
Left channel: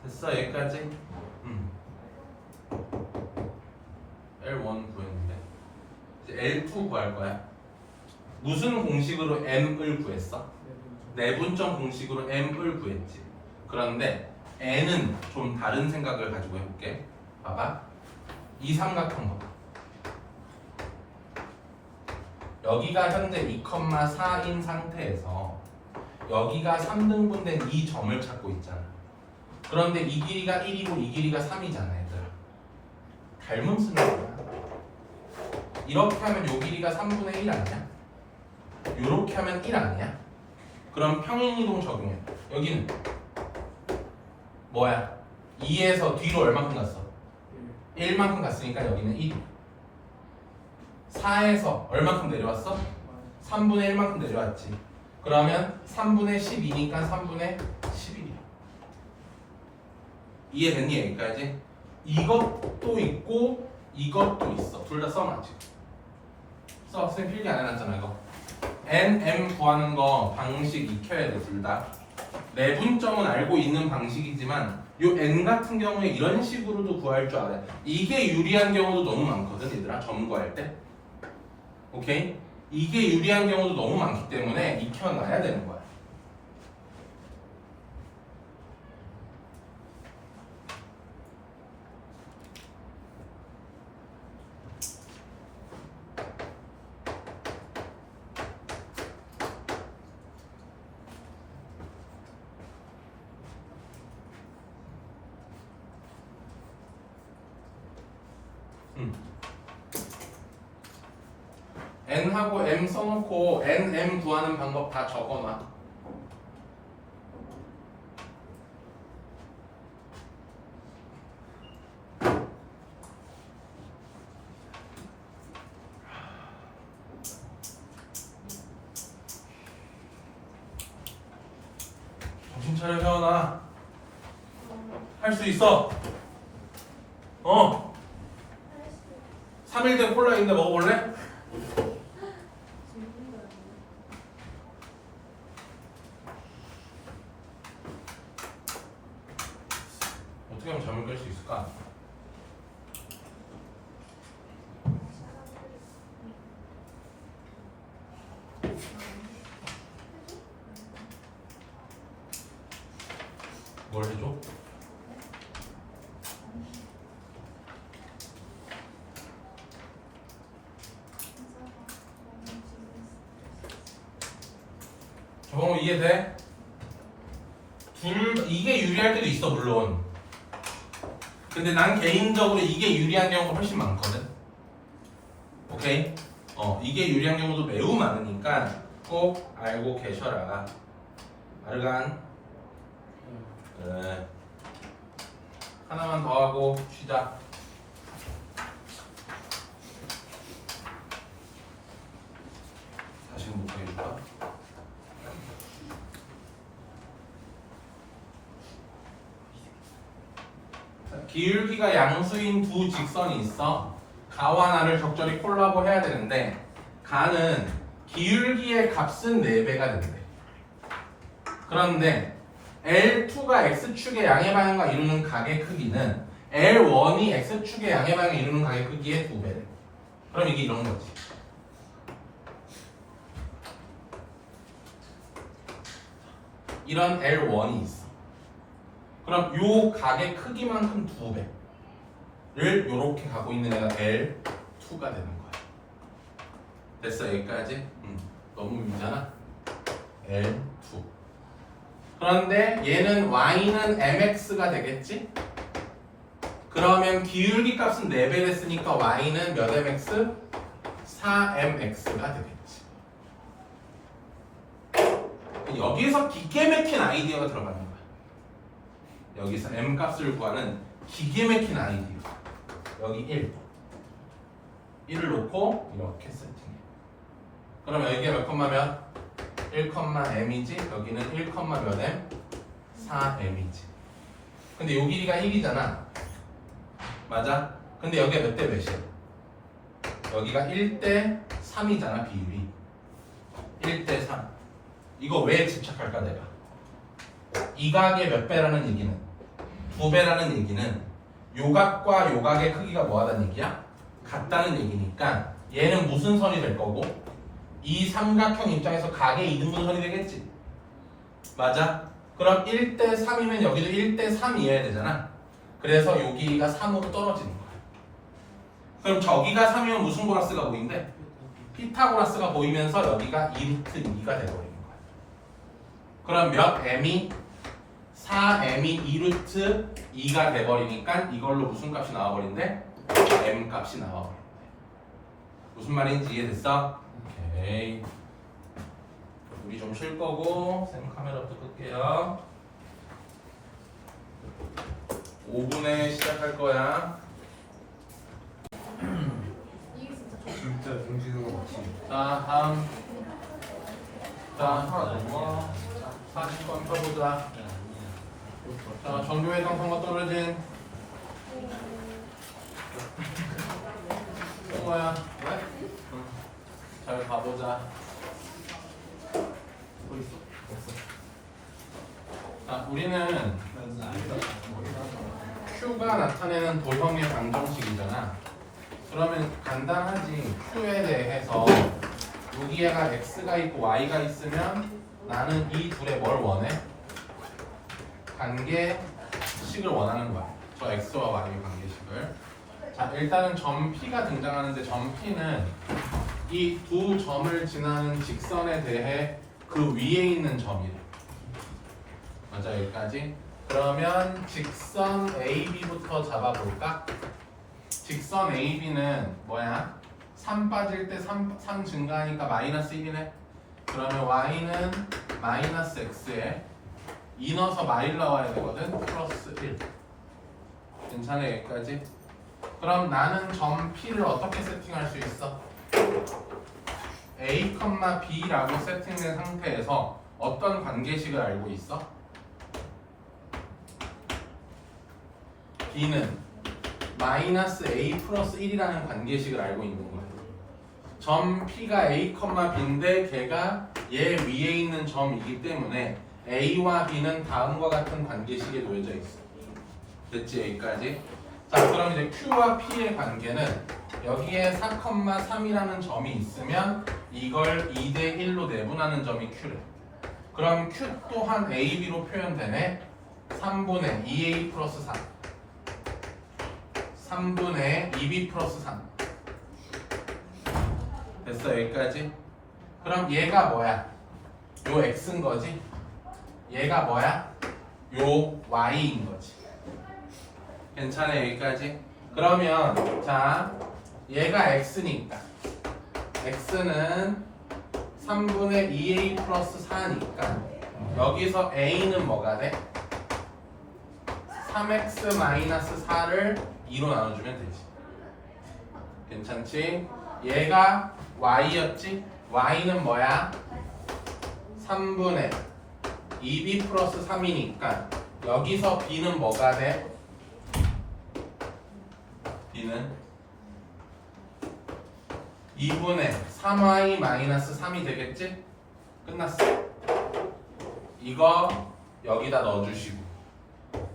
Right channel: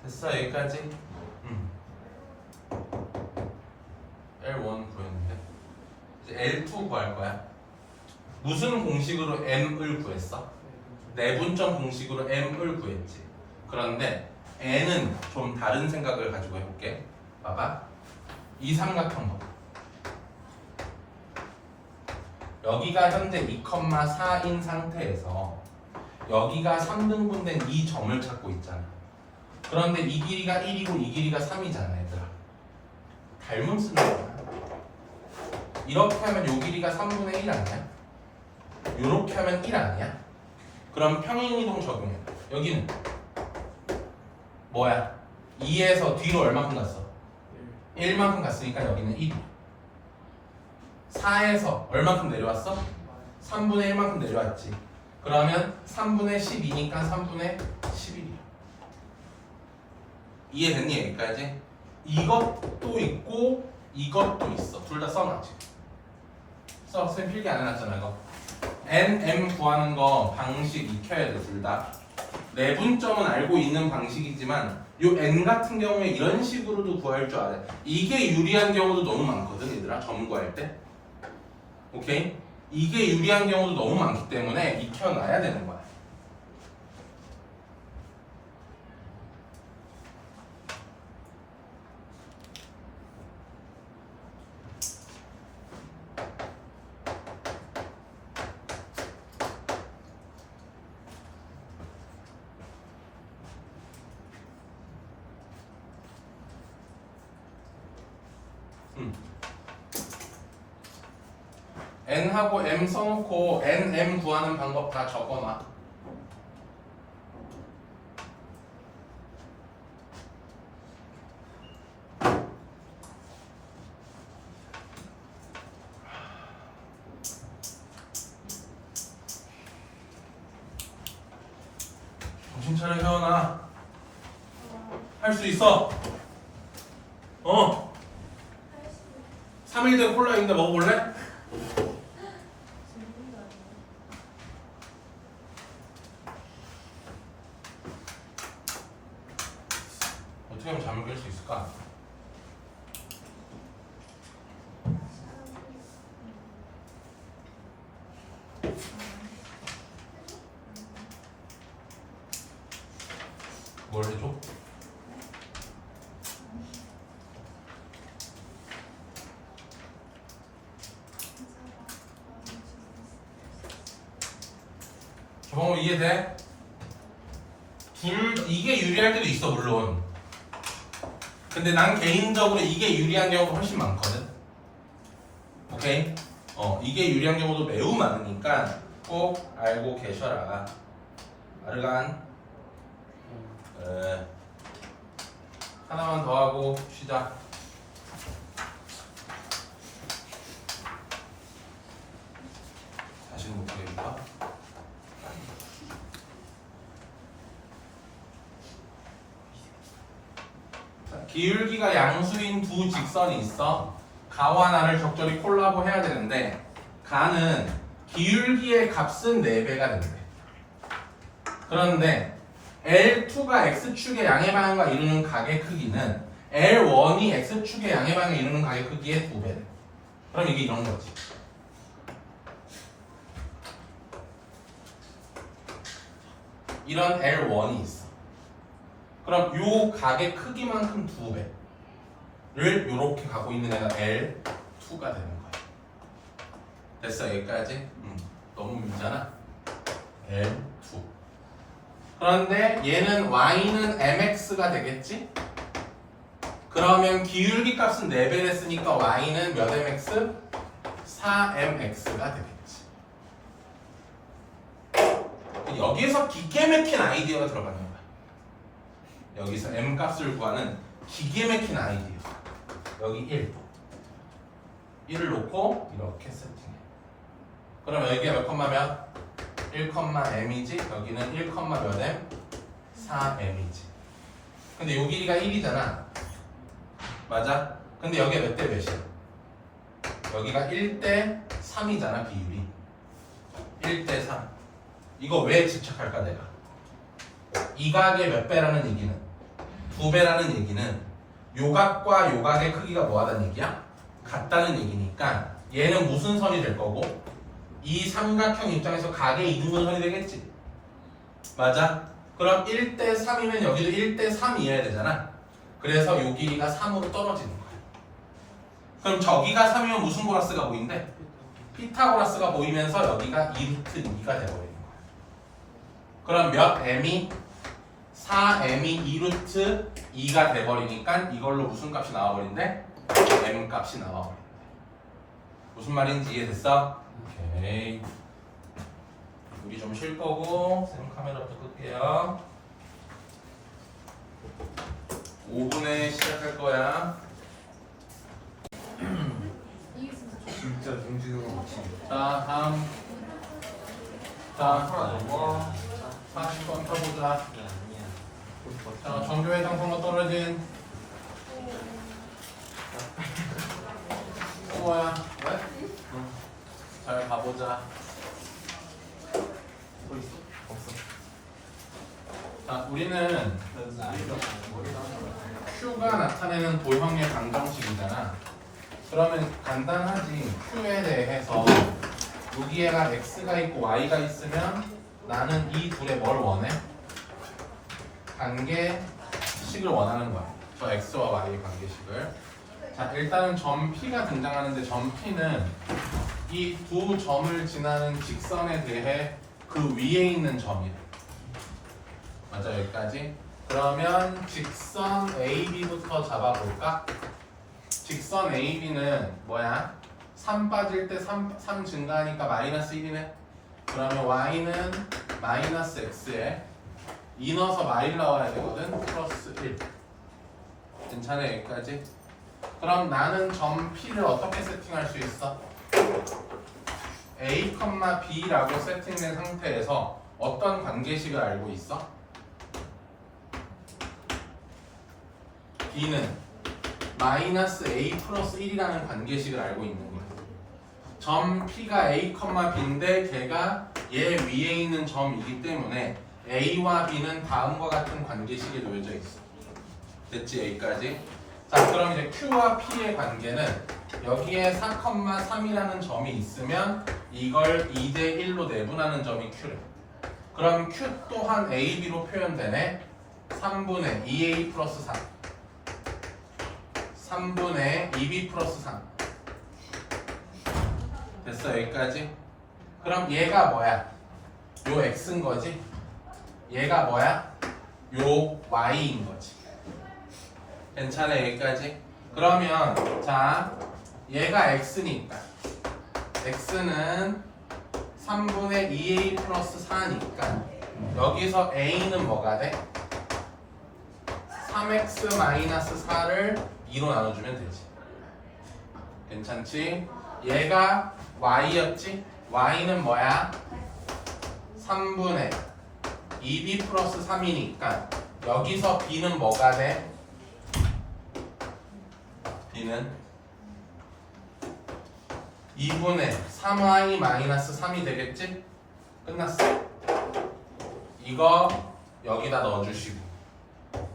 됐어 여기까지? L1 구했는데 이제 L2 구할 거야. 무슨 공식으로 M을 구했어? 내분점 공식으로 M을 구했지. 그런데 N은 좀 다른 생각을 가지고 해볼게. 봐봐. 이 삼각형 봐. 여기가 현재 2,4인 상태에서 여기가 3등분된 이 점을 찾고 있잖아. 그런데 이 길이가 1이고 이 길이가 3이잖아 얘들아. 닮음 쓰는 거야. 이렇게 하면 요 길이가 3분의 1 아니야? 요렇게 하면 1 아니야? 그럼 평행이동 적용해. 여기는 뭐야? 2에서 뒤로 얼마큼 갔어? 1만큼 갔으니까 여기는 1. 4에서 얼마큼 내려왔어? 3분의 1만큼 내려왔지. 그러면 3분의 12니까 3분의 11이야. 이해됐니 여기까지? 이것도 있고 이것도 있어. 둘 다 써놔지. 써. 쌤 필기 안 해놨잖아 이거. n, m 구하는 거 방식 익혀야 돼 둘 다. 내분점은 알고 있는 방식이지만 요 n 같은 경우에 이런 식으로도 구할 줄 알아. 이게 유리한 경우도 너무 많거든 얘들아. 점 구할 때. 오케이? 이게 유리한 경우도 너무 많기 때문에 익혀놔야 되는 거야. n하고 m 써놓고 n, m 구하는 방법 다 적어놔. 정신 차려 혜원아. 할 수 있어. 3일 된 콜라인데 먹어볼래? 어떻게 하면 잠을 깰 수 있을까? 뭘 해줘? 저거 이해돼? 이게 유리할 때도 있어 물론. 근데 난 개인적으로 이게 유리한 경우가 훨씬 많거든. 오케이? 이게 유리한 경우도 매우 많으니까 꼭 알고 계셔라. 아르간. 그래. 하나만 더 하고 쉬자. 다시는 못하게 해줄까? 기울기가 양수인 두 직선이 있어. 가와 나를 적절히 콜라보 해야 되는데 가는 기울기의 값은 4배가 된대. 그런데 L2가 X축의 양의 방향과 이루는 각의 크기는 L1이 X축의 양의 방향을 이루는 각의 크기의 2배래. 그럼 이게 이런 거지. 이런 L1이 있어. 그럼 요 각의 크기만큼 2배를 요렇게 갖고 있는 애가 L2가 되는 거야. 됐어 여기까지? 너무 밀잖아. L2. 그런데 얘는 y는 mx가 되겠지? 그러면 기울기 값은 4배를 했으니까 y는 몇 mx? 4mx가 되겠지. 여기에서 기계 막힌 아이디어가 들어가는 거야. 여기서 m 값을 구하는 기계 막힌 아이디어. 여기 1. 1을 놓고 이렇게 세팅해. 그럼 여기가 몇 컴마 몇? 1,m이지? 여기는 1, 몇 m? 4m이지. 근데 요 길이가 1이잖아. 맞아? 근데 여기가 몇 대 몇이야? 여기가 1대 3이잖아 비율이. 1대 3. 이거 왜 집착할까 내가? 이 각의 몇 배라는 얘기는 2배라는 얘기는 요 각과 요 각의 크기가 뭐하다는 얘기야? 같다는 얘기니까 얘는 무슨 선이 될 거고 이 삼각형 입장에서 각의 이등분선이 되겠지. 맞아? 그럼 1대 3이면 여기도 1대 3이어야 되잖아. 그래서 요 길이가 3으로 떨어지는 거야. 그럼 저기가 3이면 무슨 고라스가 보인대? 피타고라스가 보이면서 여기가 2루트 2가 돼버리는 거야. 그럼 몇 m이? 4m이 2루트 2가 돼버리니까 이걸로 무슨 값이 나와버린대? m 값이 나와버린대. 무슨 말인지 이해됐어? 오케이. 우리 좀 쉴 거고 쌤 카메라부터 끌게요. 5분에 시작할 거야. 진짜 동진호가 맞지. 자 다음. 자 40번 펴보자. 자 전교회장 선거 떨어진 뭐야? 왜? 잘 가보자. 또 있어? 없어. 자 우리는 Q가 나타내는 도형의 방정식이잖아. 그러면 간단하지. Q에 대해서 여기에가 X가 있고 Y가 있으면 나는 이 둘의 뭘 원해? 관계식을 원하는 거야. 저 X와 Y의 관계식을. 자 일단은 점 P가 등장하는데 점 P는 이 두 점을 지나는 직선에 대해 그 위에 있는 점이래. 맞아 여기까지. 그러면 직선 AB부터 잡아볼까? 직선 AB는 뭐야? 3 빠질 때 3 증가하니까 마이너스 1이네. 그러면 Y는 마이너스 X에 2 넣어서 마일 나와야 되거든. 플러스 1. 괜찮아 여기까지? 그럼 나는 점 P를 어떻게 세팅할 수 있어? A, B라고 세팅된 상태에서 어떤 관계식을 알고 있어? B는 마이너스 A 플러스 1이라는 관계식을 알고 있는 거야. 점 P가 A, B인데 걔가 얘 위에 있는 점이기 때문에 A와 B는 다음과 같은 관계식에 놓여져 있어. 됐지 여기까지? 자 그럼 이제 Q와 P의 관계는 여기에 4,3이라는 점이 있으면 이걸 2대 1로 내분하는 점이 Q래. 그럼 Q 또한 AB로 표현되네. 3분의 2A 플러스 4 3분의 2B 플러스 3 됐어 여기까지? 그럼 얘가 뭐야? 요 X인 거지? 얘가 뭐야? 요 Y인 거지. 괜찮아 여기까지? 그러면 자 얘가 X니까 X는 3분의 2A 플러스 4니까 여기서 A는 뭐가 돼? 3X 마이너스 4를 2로 나눠주면 되지. 괜찮지? 얘가 Y였지? y는 뭐야? 3분의 2b 플러스 3이니까 여기서 b는 뭐가 돼? b는 2분의 3y 마이너스 3이 되겠지? 끝났어. 이거 여기다 넣어주시고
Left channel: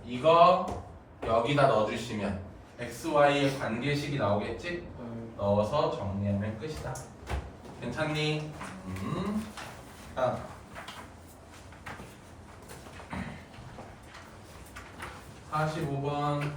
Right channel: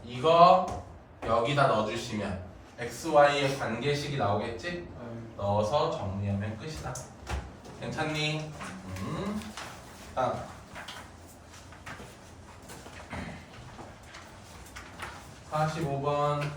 이거 여기다 넣어주시면 xy의 관계식이 나오겠지? 넣어서 정리하면 끝이다. 괜찮니? 다음 45번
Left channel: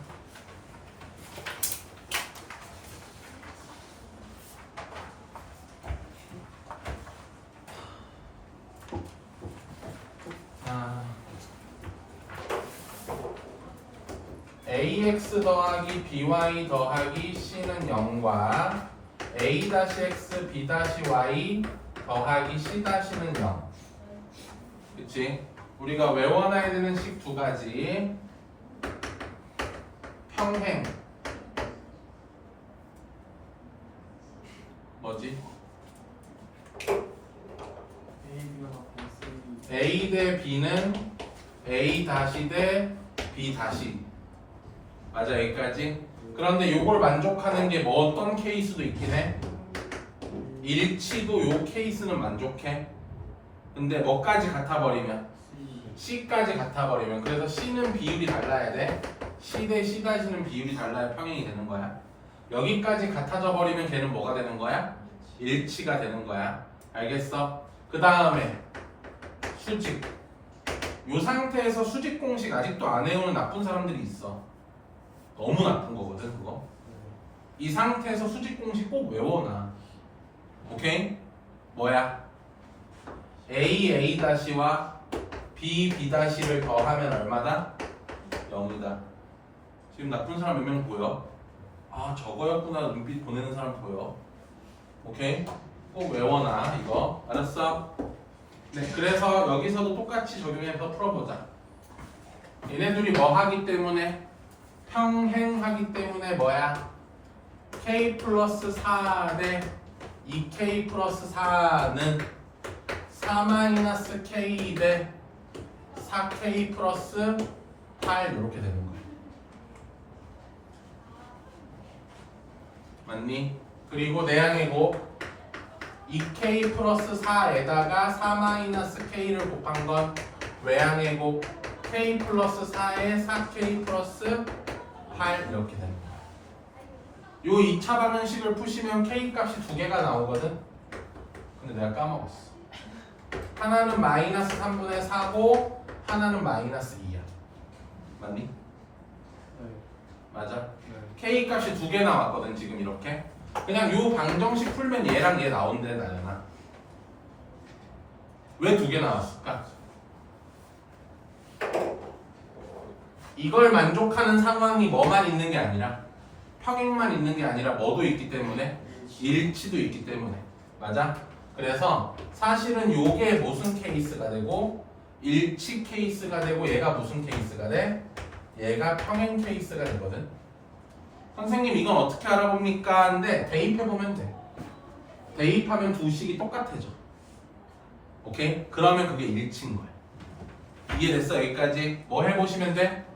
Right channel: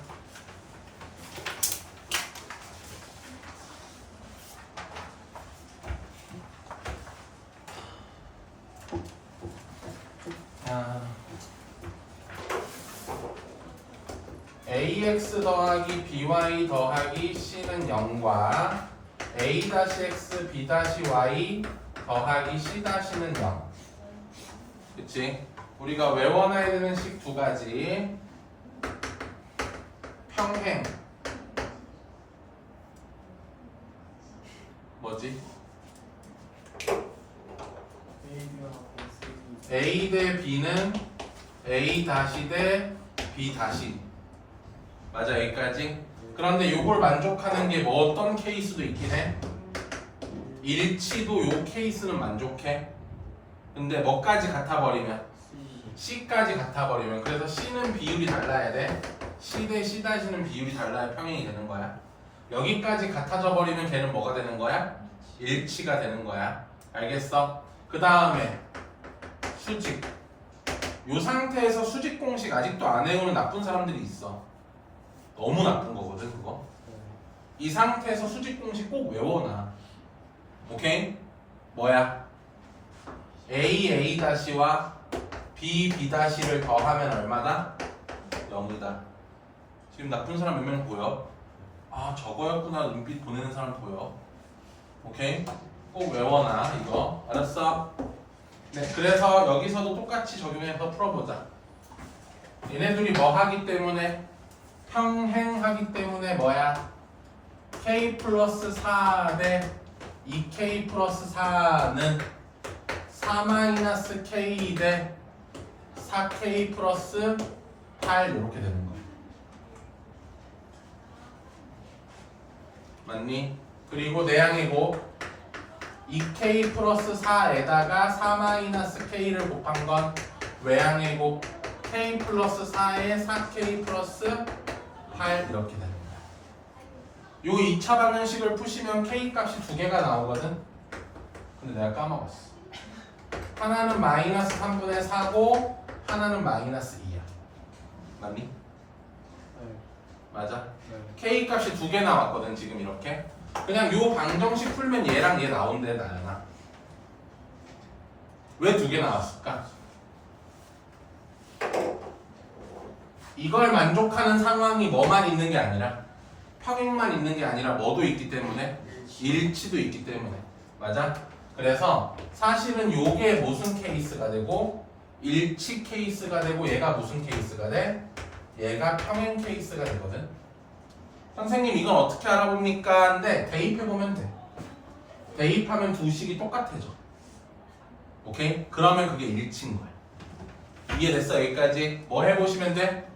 ax 더하기 by 더하기 c는 0과 a-x b-y 더하기 c-는 0. 그치? 우리가 외워놔야 되는 식 두 가지. 평행 뭐지? a 대 b는 a 다시 대 b 다시. 맞아, 여기까지. 그런데 요걸 만족하는 게 뭐 어떤 케이스도 있긴 해. 일치도 요 케이스는 만족해. 근데 뭐까지 같아버리면 C까지 같아버리면, 그래서 C는 비율이 달라야 돼. C 대 C-는 비율이 달라야 평행이 되는 거야. 여기까지 같아져 버리면 걔는 뭐가 되는 거야? 일치가 되는 거야. 알겠어? 그 다음에 수직. 요 상태에서 수직 공식 아직도 안 외우는 나쁜 사람들이 있어. 너무 나쁜 거거든 그거. 이 상태에서 수직 공식 꼭 외워놔. 오케이? 뭐야? a-와 b-를 더하면 얼마다? 0이다. 지금 나쁜 사람 몇 명 보여? 아 저거였구나. 눈빛 보내는 사람 보여. 오케이? 꼭 외워놔 이거. 알았어? 네, 그래서 여기서도 똑같이 적용해서 풀어보자. 얘네들이 뭐 하기 때문에? 평행하기 때문에 뭐야? k 플러스 4 대 2k 플러스 4는 4-k 대 4k 플러스 8 이렇게 되는 거야. 맞니? 그리고 내항이고 2k 플러스 4에다가 4-k를 곱한 건 외항이고 k 플러스 4에 4k 플러스 8 이렇게 되는 거야. 요 2차 방정식을 푸시면 k 값이 두 개가 나오거든. 근데 내가 까먹었어. 하나는 마이너스 3분의 4고 하나는 마이너스 2야. 맞니? 네. 맞아? 네. k 값이 두 개 나왔거든 지금 이렇게. 그냥 요 방정식 풀면 얘랑 얘 나온대 나연아. 왜 두 개 나왔을까? 이걸 만족하는 상황이 뭐만 있는 게 아니라 평행만 있는 게 아니라 뭐도 있기 때문에 일치도 있기 때문에. 맞아? 그래서 사실은 요게 무슨 케이스가 되고 일치 케이스가 되고 얘가 무슨 케이스가 돼? 얘가 평행 케이스가 되거든. 선생님 이건 어떻게 알아봅니까? 근데 대입해보면 돼. 대입하면 두 식이 똑같아져. 오케이? 그러면 그게 일치인 거야. 이해됐어? 여기까지? 뭐 해보시면 돼?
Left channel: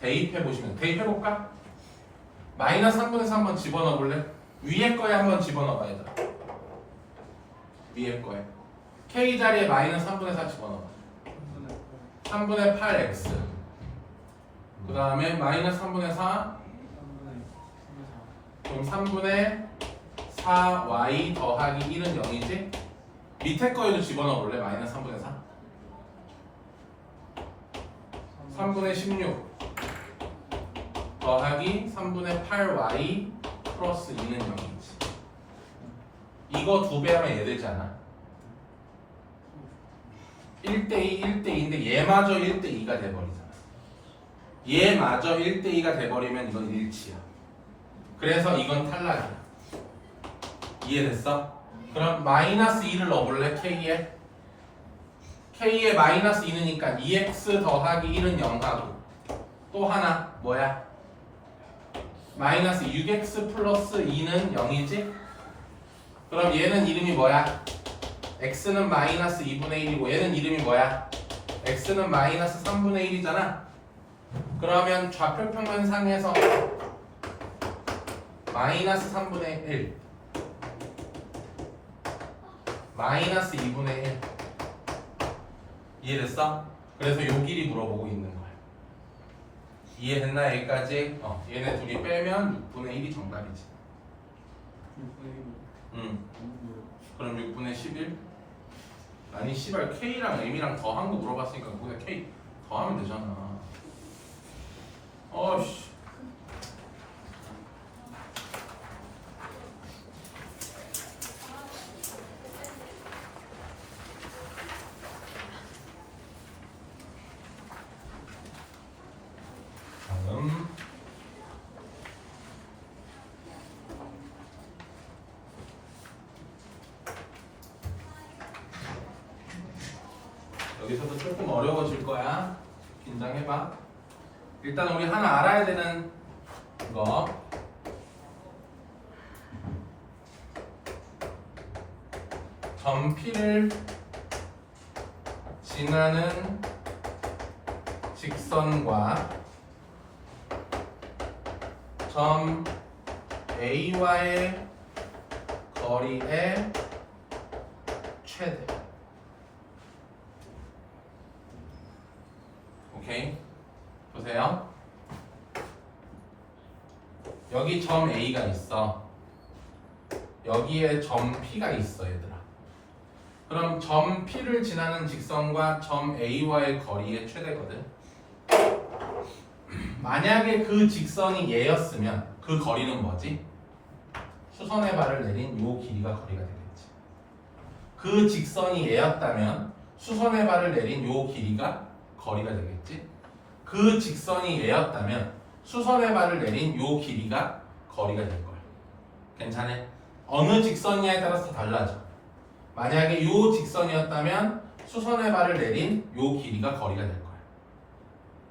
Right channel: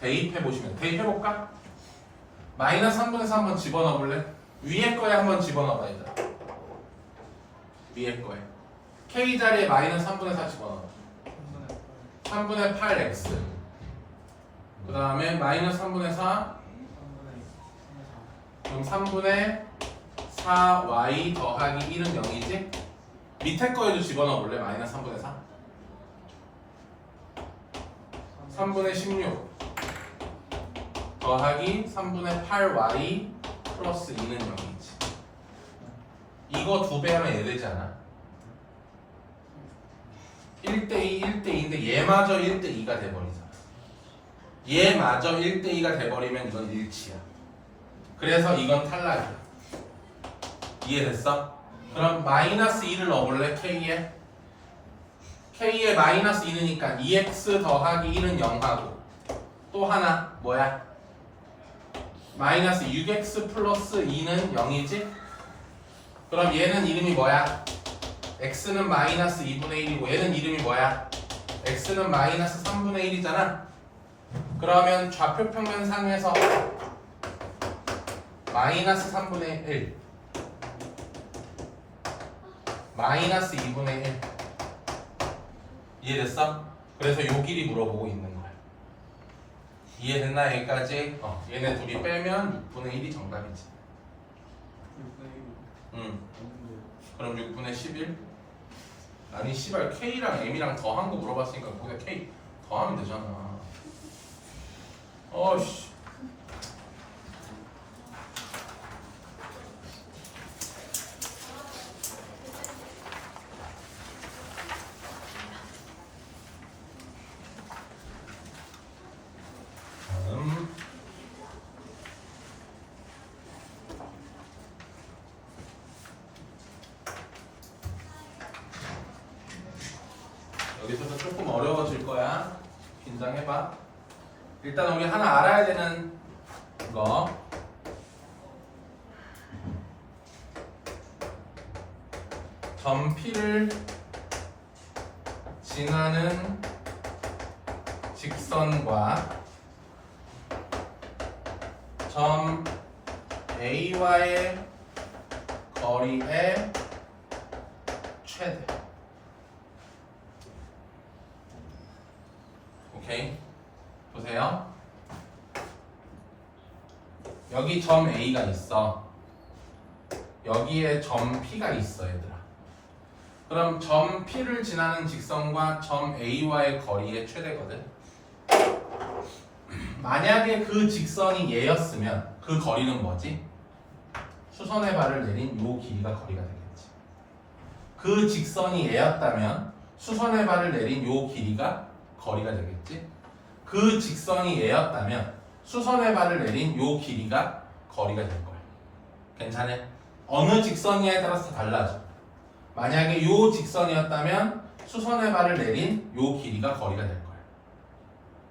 대입해보시면 돼. 대입해볼까? 마이너스 3분의 4 한번 집어넣어볼래? 위에 거에 한번 집어넣어봐 얘들아. 위에 거에 k 자리에 마이너스 3분의 4 집어넣어. 3분의 8x. 그 다음에 마이너스 3분의 4 그럼 3분의 4y 더하기 1은 0이지? 밑에 거에도 집어넣어볼래? 마이너스 3분의 4 3분의 16 더하기 3분의 8y 플러스 2는 0이지. 이거 두 배 하면 얘 되잖아. 1대2, 1대2인데 얘마저 1대2가 돼버리잖아. 얘마저 1대2가 돼버리면 이건 일치야. 그래서 이건 탈락이야. 이해됐어? 그럼 마이너스 2를 넣어볼래? K에? K에 마이너스 2느니까 2x 더하기 1은 0하고 또 하나 뭐야? 마이너스 6x 플러스 2는 0이지? 그럼 얘는 이름이 뭐야? x는 마이너스 2분의 1이고 얘는 이름이 뭐야? x는 마이너스 3분의 1이잖아. 그러면 좌표 평면상에서 마이너스 3분의 1 마이너스 2분의 1 이해됐어? 그래서 요 길이 물어보고 있는 거야. 이해됐나 여기까지? 얘네 둘이 빼면 6분의 1이 정답이지. 그럼 6분의 11? 아니 씨발 K랑 M이랑 더한 거 물어봤으니까 거기다 K 더하면 되잖아. 어씨. 다음. 여기서도 조금 어려워질 거야. 긴장해봐. 일단 우리 하나 알아야 되는 거. 점 P를 지나는 직선과 점 A와의 거리의 최대. 오케이? 보세요. 여기 점 A가 있어. 여기에 점 P가 있어, 얘들아. 그럼 점 P를 지나는 직선과 점 A와의 거리의 최대거든. 만약에 그 직선이 얘였으면 그 거리는 뭐지? 수선의 발을 내린 요 길이가 거리가 되겠지. 그 직선이 얘였다면 수선의 발을 내린 요 길이가 거리가 되겠지. 그 직선이 얘였다면 수선의 발을 내린 요 길이가 거리가 될 거야. 괜찮아? 어느 직선이냐에 따라서 달라져. 만약에 요 직선이었다면 수선의 발을 내린 요 길이가 거리가 될 거야.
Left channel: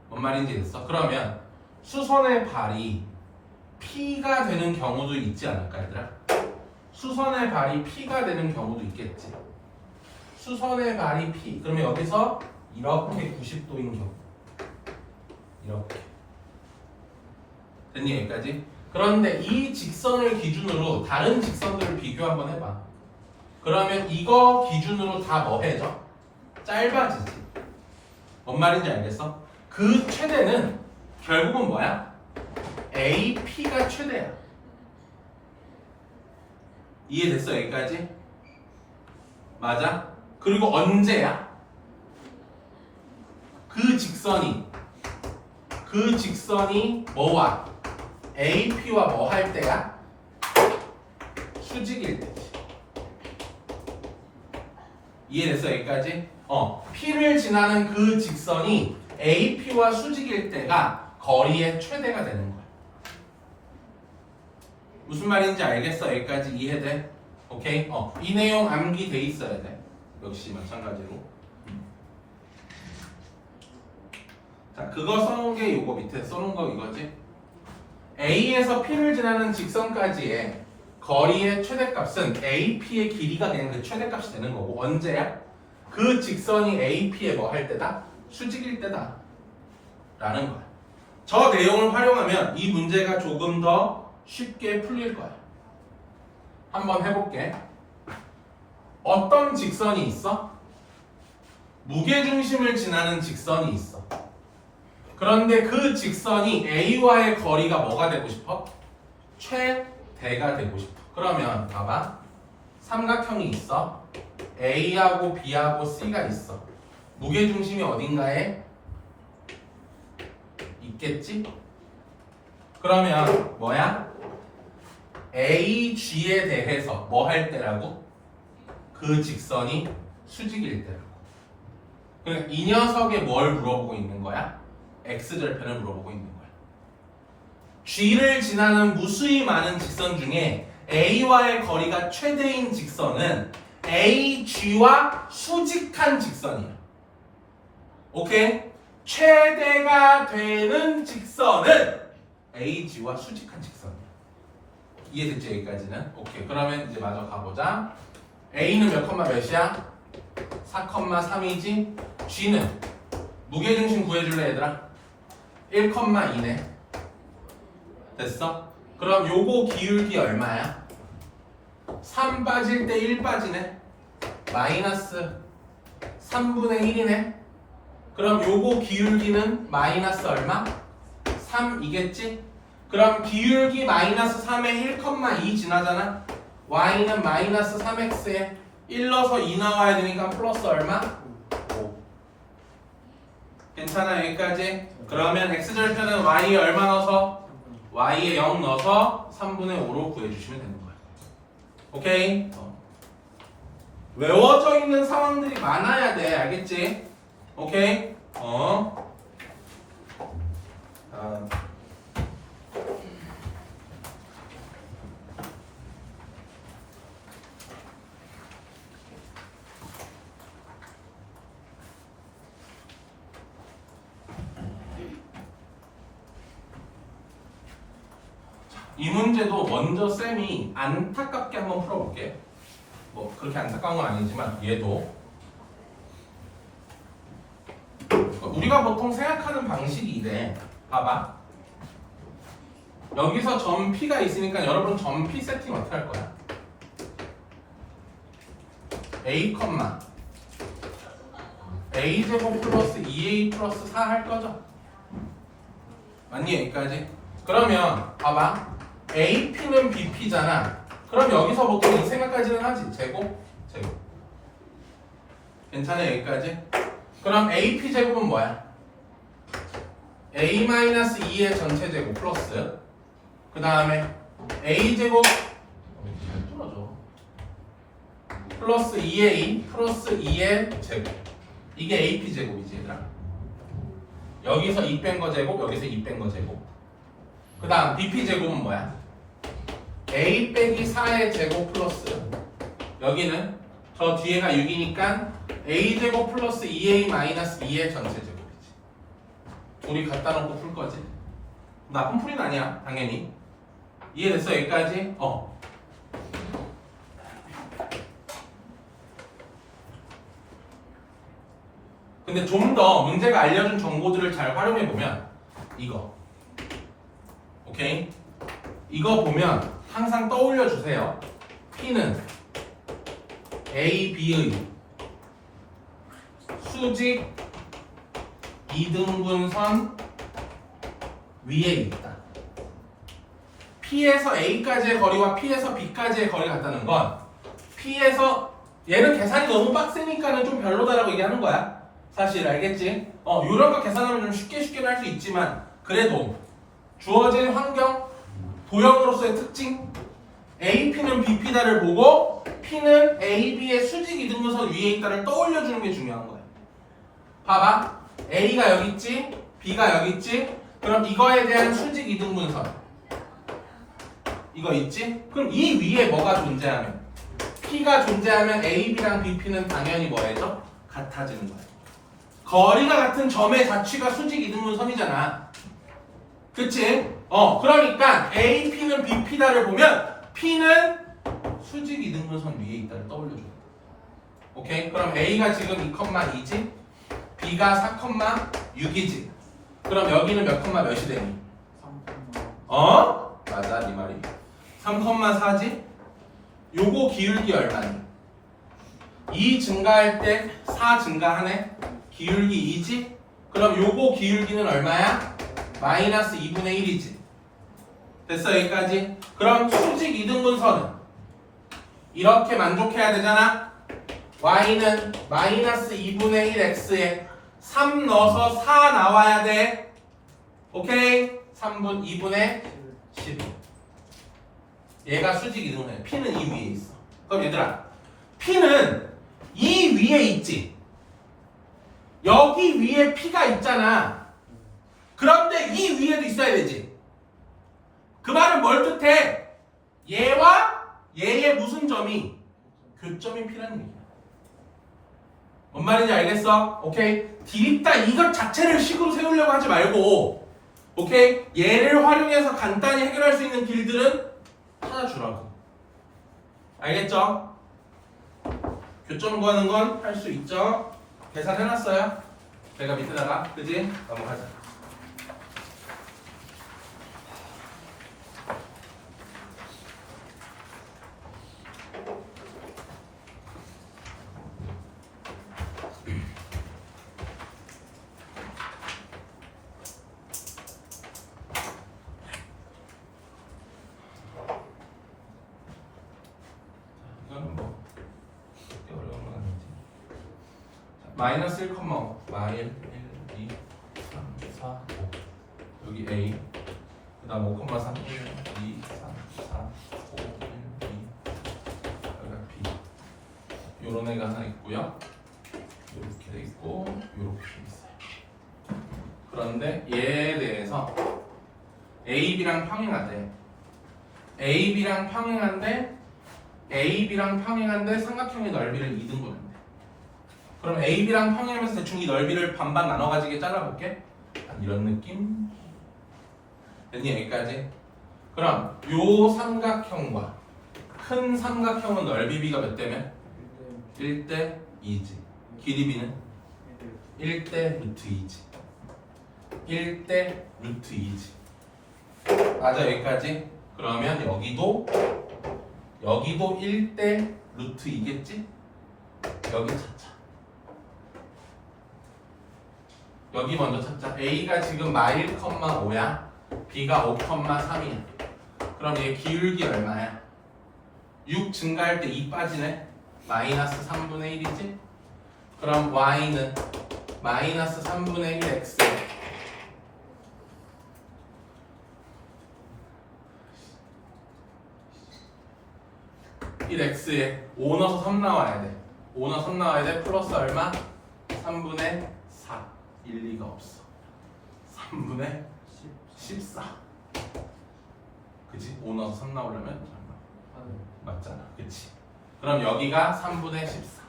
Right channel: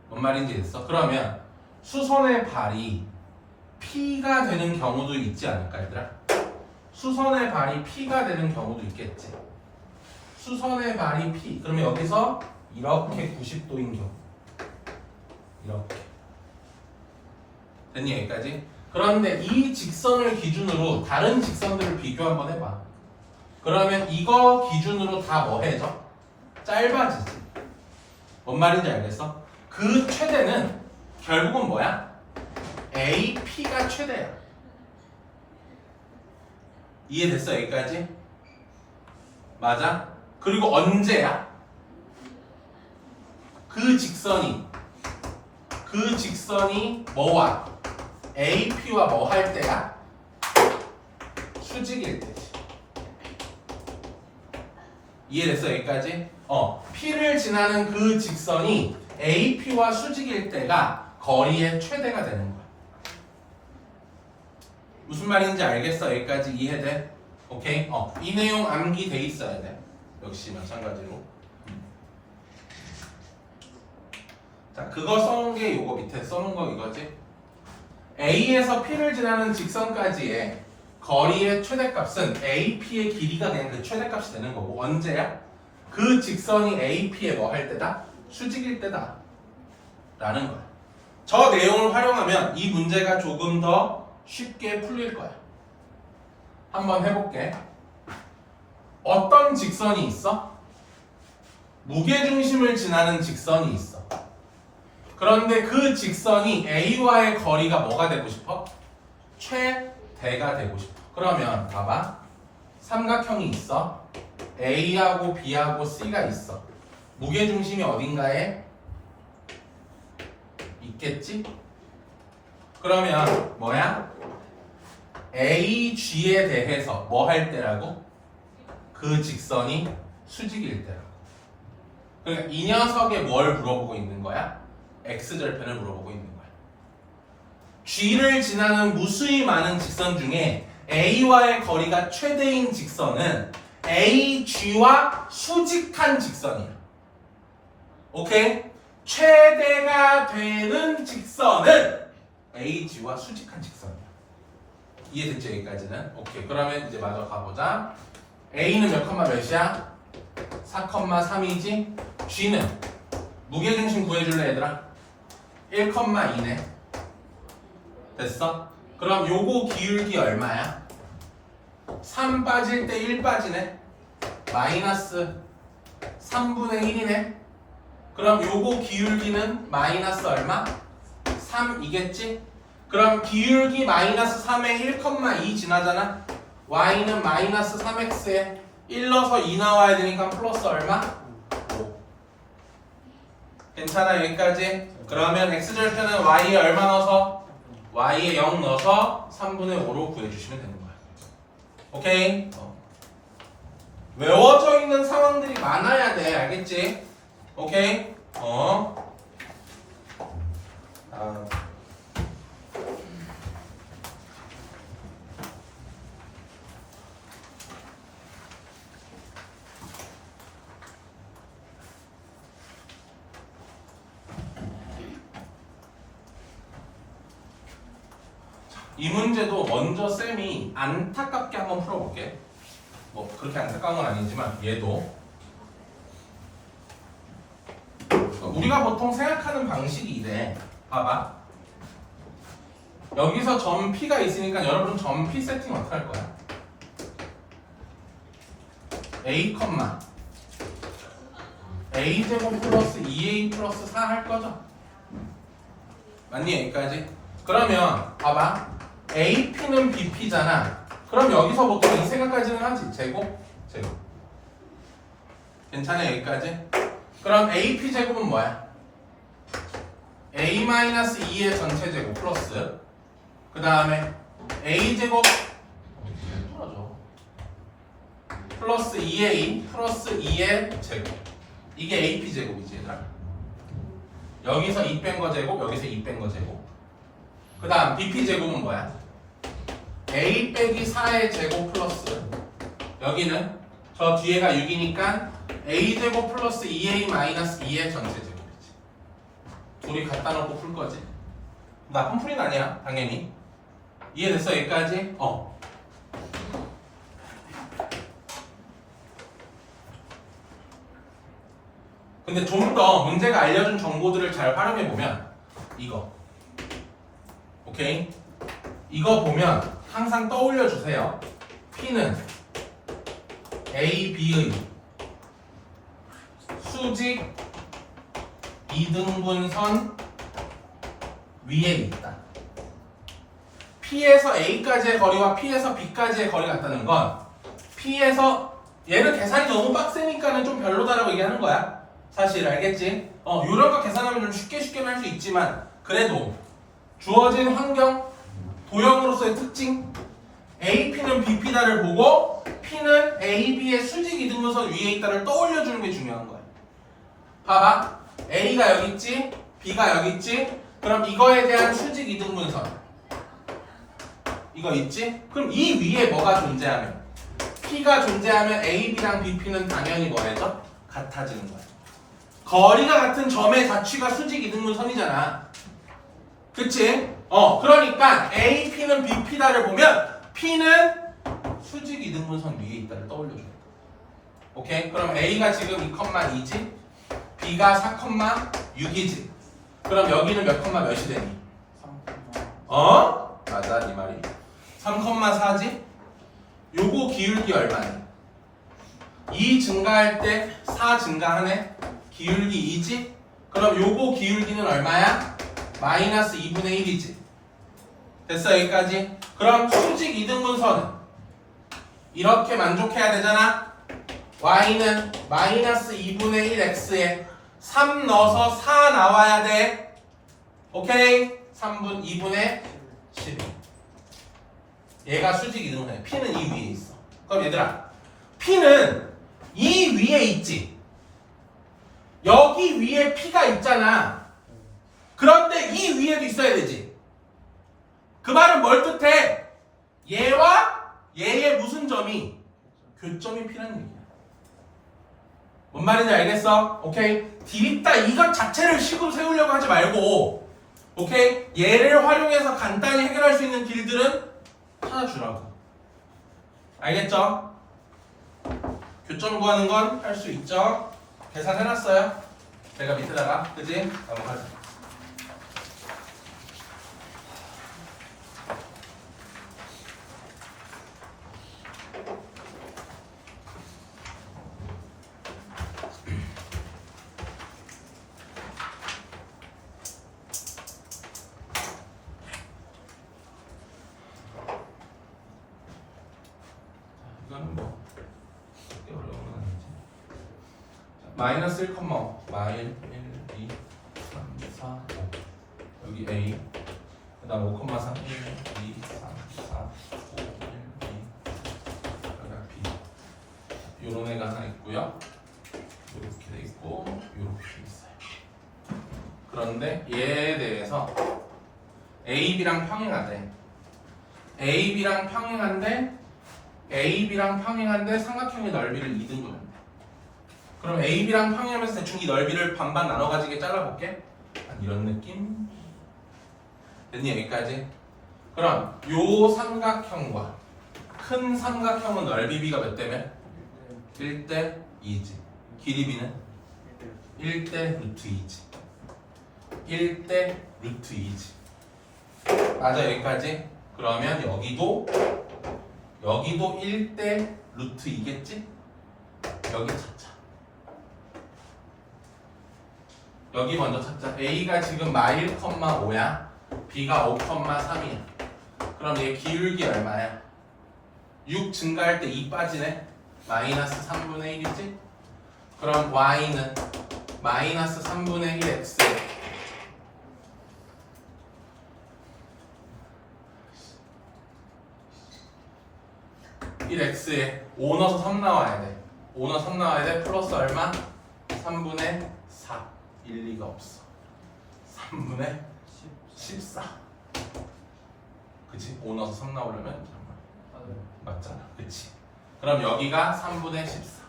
뭔 말인지 됐어? 그러면 수선의 발이 P가 되는 경우도 있지 않을까 얘들아? 수선의 발이 P가 되는 경우도 있겠지. 수선의 발이 P. 그러면 여기서 이렇게 90도인 경우. 이렇게. 됐니 여기까지? 그런데 이 직선을 기준으로 다른 직선들을 비교 한번 해봐. 그러면 이거 기준으로 다 뭐 해져? 짧아지지. 뭔 말인지 알겠어? 그 최대는 결국은 뭐야? AP가 최대야. 이해됐어 여기까지? 맞아? 그리고 언제야? 그 직선이 뭐와? AP와 뭐 할 때야? 수직일 때지. 이해됐어 여기까지? P를 지나는 그 직선이 AP와 수직일 때가 거리의 최대가 되는 거야. 무슨 말인지 알겠어? 여기까지 이해돼? 오케이? 이 내용 암기돼 있어야 돼. 역시 마찬가지로. 자, 그거 써놓은 게 요거 밑에 써놓은 거 이거지? A에서 P를 지나는 직선까지의 거리의 최대값은 AP의 길이가 된 그 최대값이 되는 거고 언제야? 그 직선이 AP에 뭐 할 때다? 수직일 때다 라는 거야. 저 내용을 활용하면 이 문제가 조금 더 쉽게 풀릴 거야. 한번 해볼게. 어떤 직선이 있어? 무게중심을 지나는 직선이 있어. 그런데 그 직선이 A와의 거리가 뭐가 되고 싶어? 최대가 되고 싶어. 그러면 봐봐. 삼각형이 있어. A하고 B하고 C가 있어. 무게중심이 어딘가에 있겠지? 그러면 뭐야? AG에 대해서 뭐 할 때라고? 그 직선이 수직일 때라고. 그러니까 이 녀석에 뭘 물어보고 있는 거야? X절편을 물어보고 있는 거야. G를 지나는 무수히 많은 직선 중에 A와의 거리가 최대인 직선은 AG와 수직한 직선이야. 오케이? 최대가 되는 직선은 AG와 수직한 직선이야. 이해됐죠? 여기까지는? 오케이. 그러면 이제 마저 가보자. A는 몇 컴마 몇이야? 4,3이지? G는 무게중심 구해줄래 얘들아? 1,2네. 됐어? 그럼 요거 기울기 얼마야? 3 빠질 때 1 빠지네. 마이너스 3분의 1이네. 그럼 요거 기울기는 마이너스 얼마? 3이겠지? 그럼 기울기 마이너스 3에 1,2 지나잖아? y는 마이너스 3x에 1 넣어서 2 나와야 되니까 플러스 얼마? 5. 괜찮아 여기까지? 그러면 x절편은 y에 얼마 넣어서? y에 0 넣어서 3분의 5로 구해주시면 되는 거야. 오케이? 외워져 있는 상황들이 많아야 돼. 알겠지? 오케이? 이 문제도 먼저 쌤이 안타깝게 한번 풀어볼게. 뭐 그렇게 안타까운 건 아니지만 얘도 우리가 보통 생각하는 방식이 이래. 봐봐. 여기서 점 P가 있으니까 여러분 점 P 세팅 어떻게 할 거야? A, A 제곱 플러스 2A 플러스 4 할 거죠? 맞니? 여기까지? 그러면 봐봐. AP는 BP잖아. 그럼 여기서 보통 이 생각까지는 하지. 제곱. 괜찮아 여기까지? 그럼 AP 제곱은 뭐야? A-2의 전체 제곱 플러스 그 다음에 A 제곱 플러스 2A 플러스 2의 제곱. 이게 AP 제곱이지 얘들아. 여기서 2 뺀 거 제곱, 여기서 2 뺀 거 제곱. 그 다음 BP 제곱은 뭐야? A 빼기 4의 제곱 플러스 여기는 저 뒤에가 6이니까 A 제곱 플러스 2A 마이너스 2의 전체 제곱이지. 둘이 갖다 놓고 풀 거지. 나쁜 풀이는 아니야 당연히. 이해됐어 여기까지? 근데 좀 더 문제가 알려준 정보들을 잘 활용해보면 이거 오케이? 이거 보면 항상 떠올려 주세요. P는 A, B의 수직 이등분선 위에 있다. P에서 A까지의 거리와 P에서 B까지의 거리 같다는 건 P에서 얘는 계산이 너무 빡세니까는 좀 별로다라고 얘기하는 거야. 사실 알겠지? 이런 거 계산하면 좀 쉽게 할 수 있지만 그래도 주어진 환경 도형으로서의 특징 AP는 BP다를 보고 P는 AB의 수직 이등분선 위에 있다를 떠올려주는 게 중요한 거야. 봐봐. A가 여기 있지 B가 여기 있지. 그럼 이거에 대한 수직 이등분선 이거 있지? 그럼 이 위에 뭐가 존재하면 P가 존재하면 AB랑 BP는 당연히 뭐래죠? 같아지는 거야. 거리가 같은 점의 자취가 수직 이등분선이잖아. 그치? 그러니까 AP는 BP다를 보면 P는 수직 이등분선 위에 있다를 떠올려줘야 돼. 오케이? 그럼 A가 지금 2,2지? B가 4,6이지? 그럼 여기는 몇 컴마 몇이 되니? 맞아 네 말이 3,4지? 요거 기울기 얼마니? 2 증가할 때 4 증가하네? 기울기 2지? 그럼 요거 기울기는 얼마야? 마이너스 2분의 1이지. 됐어 여기까지? 그럼 수직 이등분선은 이렇게 만족해야 되잖아. y는 마이너스 2분의 1x에 3 넣어서 4 나와야 돼. 오케이? 2분의 12. 얘가 수직 이등분선. P는 이 위에 있어. 그럼 얘들아 P는 이 위에 있지. 여기 위에 P가 있잖아. 그런데 이 위에도 있어야 되지. 그 말은 뭘 뜻해? 얘와 얘의 무슨 점이 교점이 P라는 얘기야. 뭔 말인지 알겠어? 오케이? 디립다 이것 자체를 식으로 세우려고 하지 말고 오케이? 얘를 활용해서 간단히 해결할 수 있는 길들은 찾아주라고. 알겠죠? 교점 구하는 건 할 수 있죠? 계산해놨어요. 제가 밑에다가 그지? 넘어가자. 이거는 뭐 그렇게 어려운 건 아니지. 마이너스 1, 마일 1, 2, 3, 4, 5 여기 A 그 다음 5,3 1, 2, 3, 4, 5, 1, 2 여기가 B 요런 애가 하나 있고요. 요렇게 돼 있고 요렇게 돼 있어요. 그런데 얘에 대해서 AB랑 평행하대. AB랑 평행한데 삼각형의 너비를 2등분한대. 그럼 AB랑 평행하면서 대충 이 넓이를 반반 나눠 가지게 잘라볼게. 한 이런 느낌. 됐니 여기까지? 그럼 요 삼각형과 큰 삼각형은 넓이 B가 몇 대면? 1대 2지. 길이 B는? 1대 루트 2지. 1대 루트 2지. 맞아 여기까지? 그러면 여기도 1대 루트 2겠지? 여기 찾자. 여기 먼저 찾자. A가 지금 마일, 5야. B가 5,3이야. 그럼 얘 기울기 얼마야? 6 증가할 때 2 빠지네. 마이너스 3분의 1이지? 그럼 Y는 마이너스 3분의 1 X 1x에 5 넣어서 3 나와야 돼. 5 넣어서 3 나와야 돼. 플러스 얼마? 3분의 4. 일리가 없어. 3분의 14. 그치? 5 넣어서 3 나오려면 맞잖아. 그치? 그럼 여기가 3분의 14.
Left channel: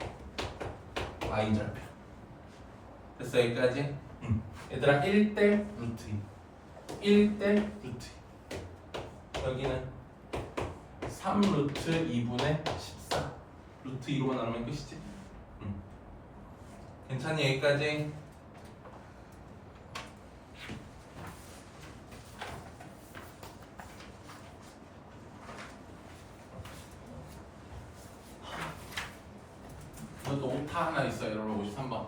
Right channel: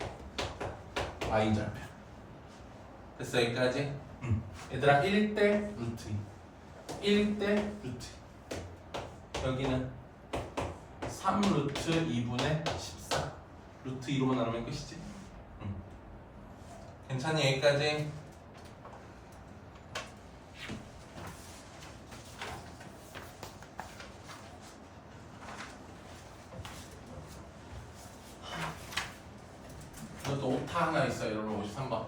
y절편. 됐어 여기까지? 얘들아 1대 루트 2. 1대 루트 2. 여기는 3 루트 2분의 14 루트 2로만 나누면 끝이지? 괜찮니 여기까지? 이것도 오타 하나 있어요 여러분 53번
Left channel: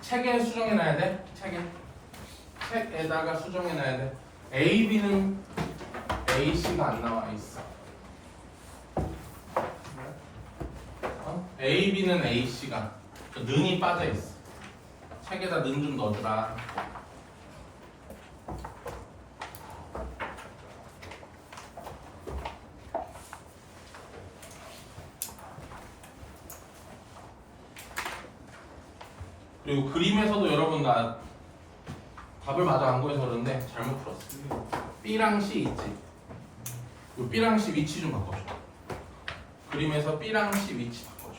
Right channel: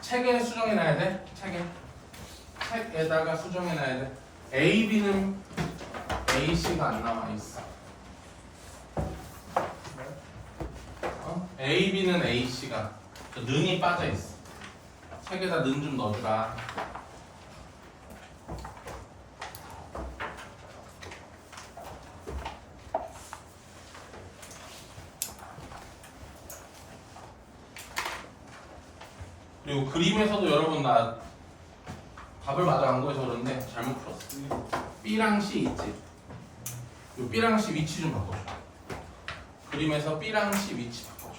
책에 수정해놔야 돼 책에다가 수정해놔야 돼 A, B는 AC가 안 나와 있어 A, B는 AC가 는이 빠져 있어. 책에다 는 좀 넣어주라. 그리고 그림에서도 여러분 나 답을 맞아 안 구해서 그런데 잘못 풀었어. B랑 C 있지. 요 B랑 C 위치 좀 바꿔줘. 그림에서 B랑 C 위치 바꿔줘.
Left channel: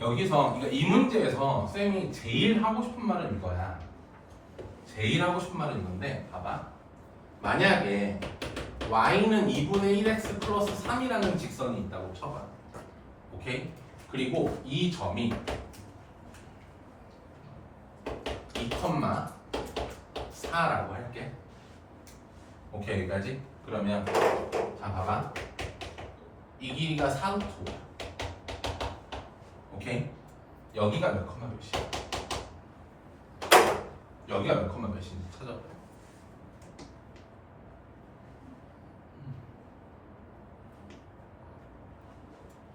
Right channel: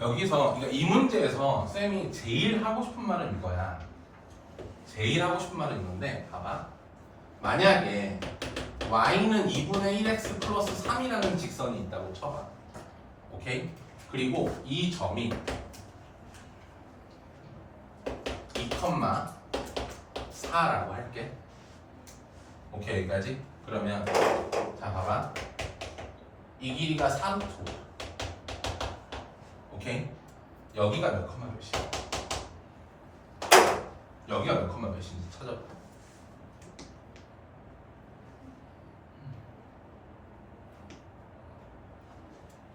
여기서 그러니까 이 문제에서 쌤이 제일 하고 싶은 말은 이거야. 제일 하고 싶은 말은 이건데 봐봐. 만약에 y는 2분의 1x 플러스 3이라는 직선이 있다고 쳐봐. 오케이? 그리고 이 점이 2,4라고 할게. 오케이 여기까지? 그러면 자 봐봐. 이 길이가 4루트야. 오케이? 여기가 몇 컴마 몇이야? 여기가 몇 컴마 몇인지 찾아봐.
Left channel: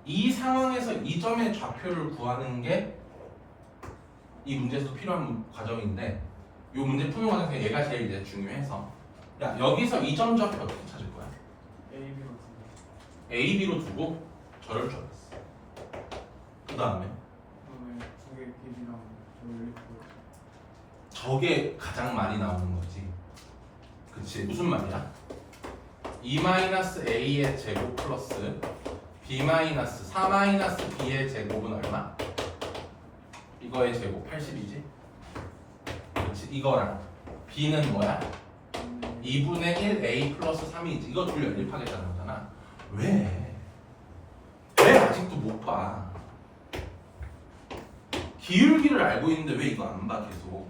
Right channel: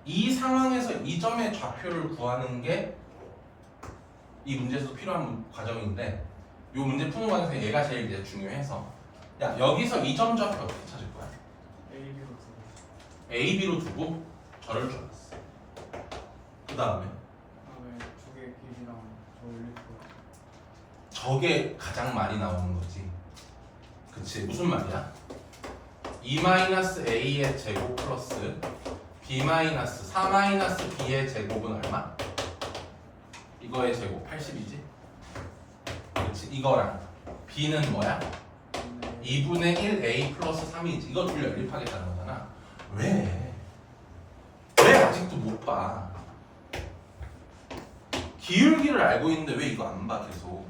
이 상황에서 이 점의 좌표를 구하는 게 이 문제에서도 필요한 과정인데 이 문제 푸는 과정에서 얘가 제일 이제 중요해서 야 여기서 이 점 좌표 어떻게 찾을 거야? AB로 두고 저럴 줄 알았어. 그 다음에 두개 길이랑 돌리고 저게 가장 많이 나오는 거지. 그치? 무슨 말이야? 2-a의 제곱 플러스 b 마이너스 4 마이너스 b의 제곱은 얼마? 이거의 제곱 80이지? 그렇지? 이거랑 b는 뭐야? 2분의 1 a 플러스 3이지. 이거 둘 연립하겠다는 거잖아. 왜 아직도 못 봐? 기울기를 알고 있는데 왜 이거 안 봐 계속?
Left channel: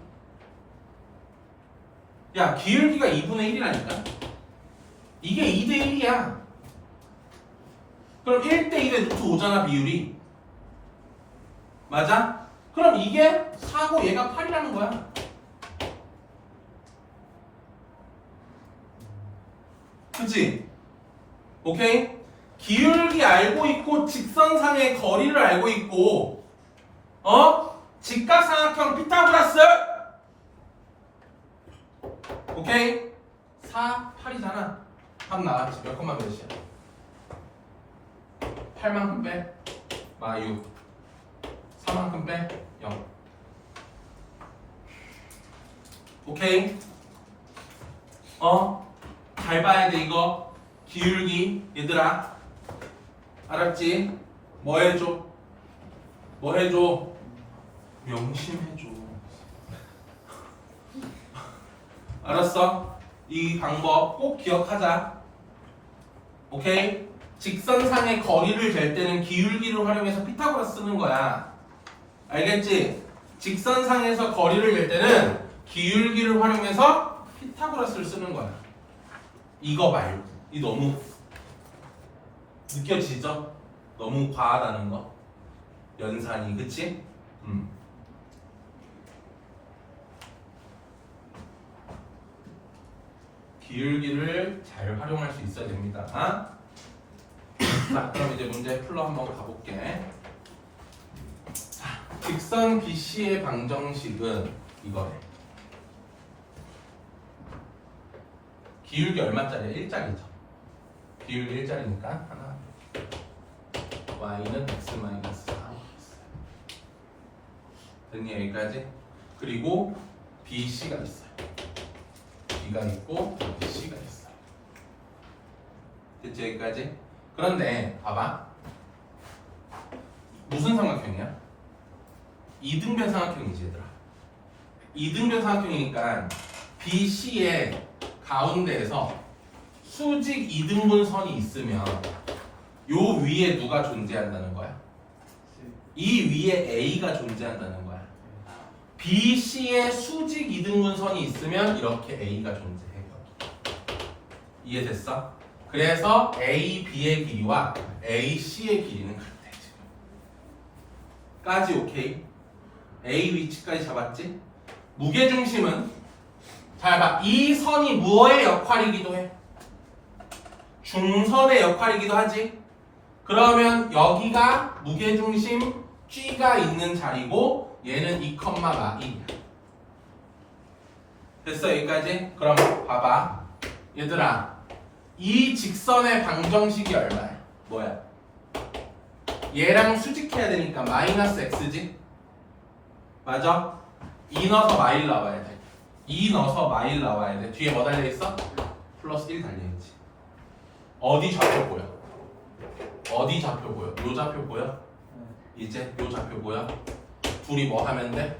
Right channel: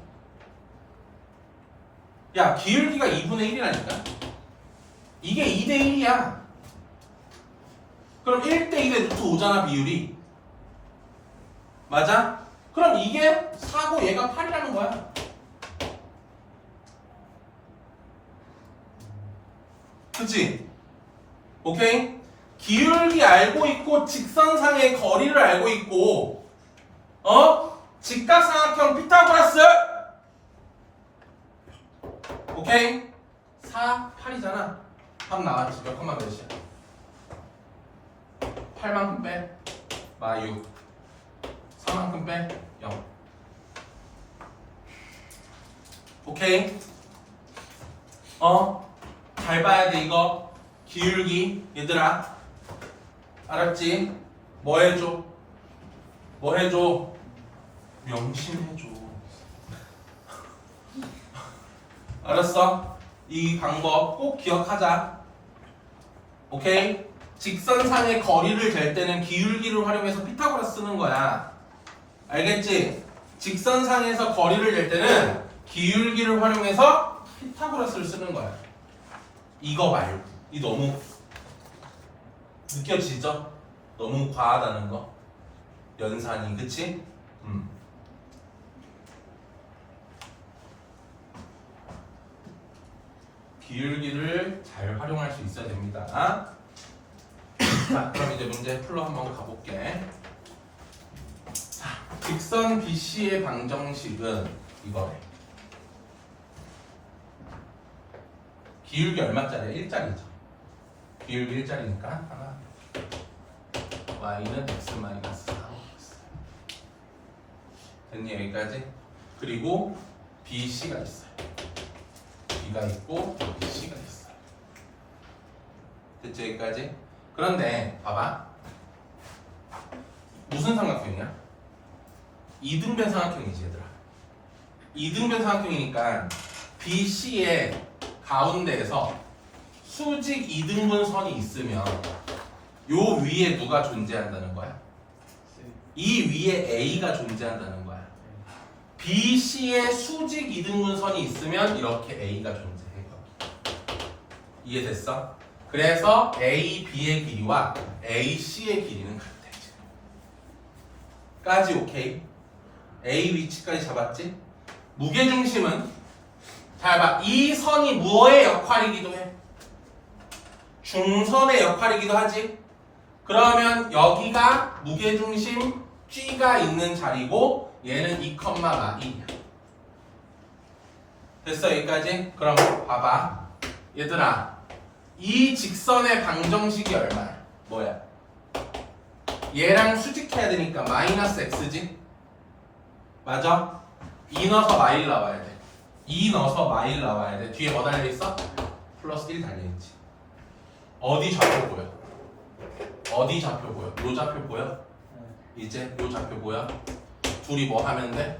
야, 기울기가 2분의 1이라니까? 이게 2대 1이야. 그럼 1대 1에 루트 5잖아, 비율이. 맞아? 그럼 이게 4고 얘가 8이라는 거야. 그치? 오케이? 기울기 알고 있고 직선상의 거리를 알고 있고 직각삼각형 피타고라스 오케이? 4, 8이잖아. 답 나왔지. 몇 컴마 몇이야? 8만큼 빼 마 6 4만큼 빼 0. 오케이? 잘 봐야 돼 이거. 기울기 얘들아 알았지? 뭐 해줘? 뭐 해줘? 명심해줘. 알았어? 이 방법 꼭 기억하자. 오케이? 직선상의 거리를 잴 때는 기울기를 활용해서 피타고라스 쓰는 거야. 알겠지? 직선상에서 거리를 잴 때는 기울기를 활용해서 피타고라스를 쓰는 거야. 이거 말고. 이 너무 느껴지죠? 너무 과하다는 거. 연산이. 그치? 기울기를 잘 활용할 수 있어야 됩니다. 자, 그럼 이제 문제 풀러 한번 가볼게. 자, 직선 BC의 방정식은 이거래. 기울기 얼마짜리야? 1짜리죠. 기울기 1짜리니까 하나 y는 x 마이너스 4 됐니? 여기까지? 그리고 BC가 있어요. B가 있고 BC가 있어요. 됐지? 여기까지? 그런데 봐봐. 무슨 삼각형이야? 이등변 삼각형이지 얘들아. 이등변 삼각형이니까 BC의 가운데에서 수직 이등분선이 있으면 요 위에 누가 존재한다는 거야? 이 위에 A가 존재한다는 거야. BC의 수직 이등분선이 있으면 이렇게 A가 존재해요. 이해됐어? 그래서 AB의 길이와 AC의 길이는 같아. 까지 오케이? A 위치까지 잡았지? 무게중심은 잘 봐. 이 선이 무엇의 역할이기도 해? 중선의 역할이기도 하지? 그러면 여기가 무게중심 G가 있는 자리고 얘는 2,1이야. 됐어? 여기까지? 그럼 봐봐. 얘들아, 이 직선의 방정식이 얼마야? 뭐야? 얘랑 수직해야 되니까 마이너스 x지? 맞아? 2 넣어서 마일 나와야 돼. 2 넣어서 마일 나와야 돼. 뒤에 뭐 달려있어? 플러스 1 달려있지. 어디 좌표 보여? 어디 좌표 보여? 요 좌표 보여? 이제 요 좌표 보여? 둘이 뭐 하면 돼?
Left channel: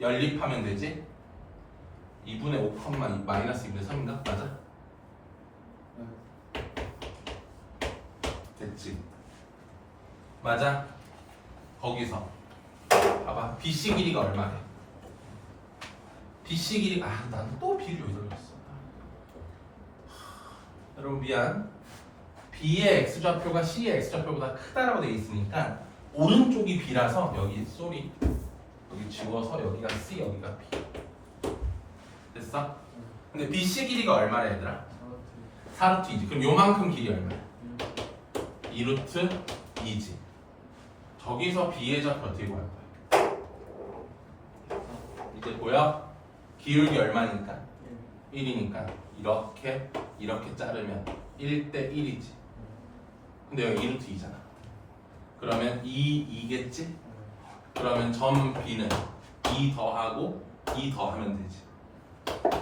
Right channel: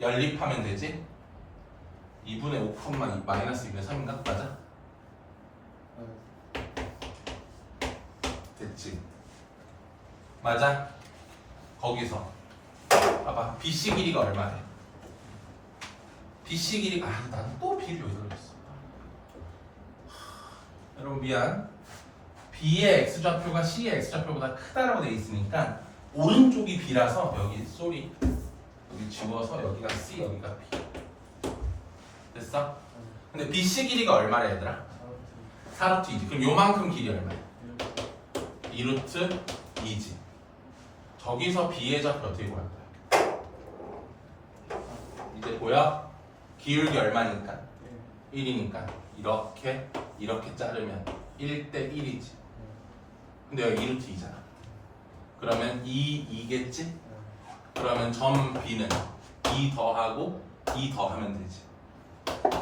연립하면 되지? 2분의 5, 마이너스 2분의 3인가? 맞아? 됐지? 맞아? 거기서 봐봐. BC 길이가 얼마 돼? BC 길이 나는 또 B를 여기다 넣었어. 여러분 미안. B의 X좌표가 C의 X좌표보다 크다라고 되어 있으니까 오른쪽이 B라서 여기 쏘리 여기 지워서 여기가 C 여기가 B. 됐어? 근데 BC 길이가 얼마래 얘들아? 4루트 2지. 그럼 요만큼 길이 얼마야? 2루트 2지. 저기서 B의 좌표 어떻게 구할 거야? 이제 보여? 기울기 얼마니까? 1이니까 이렇게 자르면 1대 1이지. 근데 여기 2루트 2잖아. 그러면 2겠지? 그러면 점 B는 2 더하고 2 더하면 되지.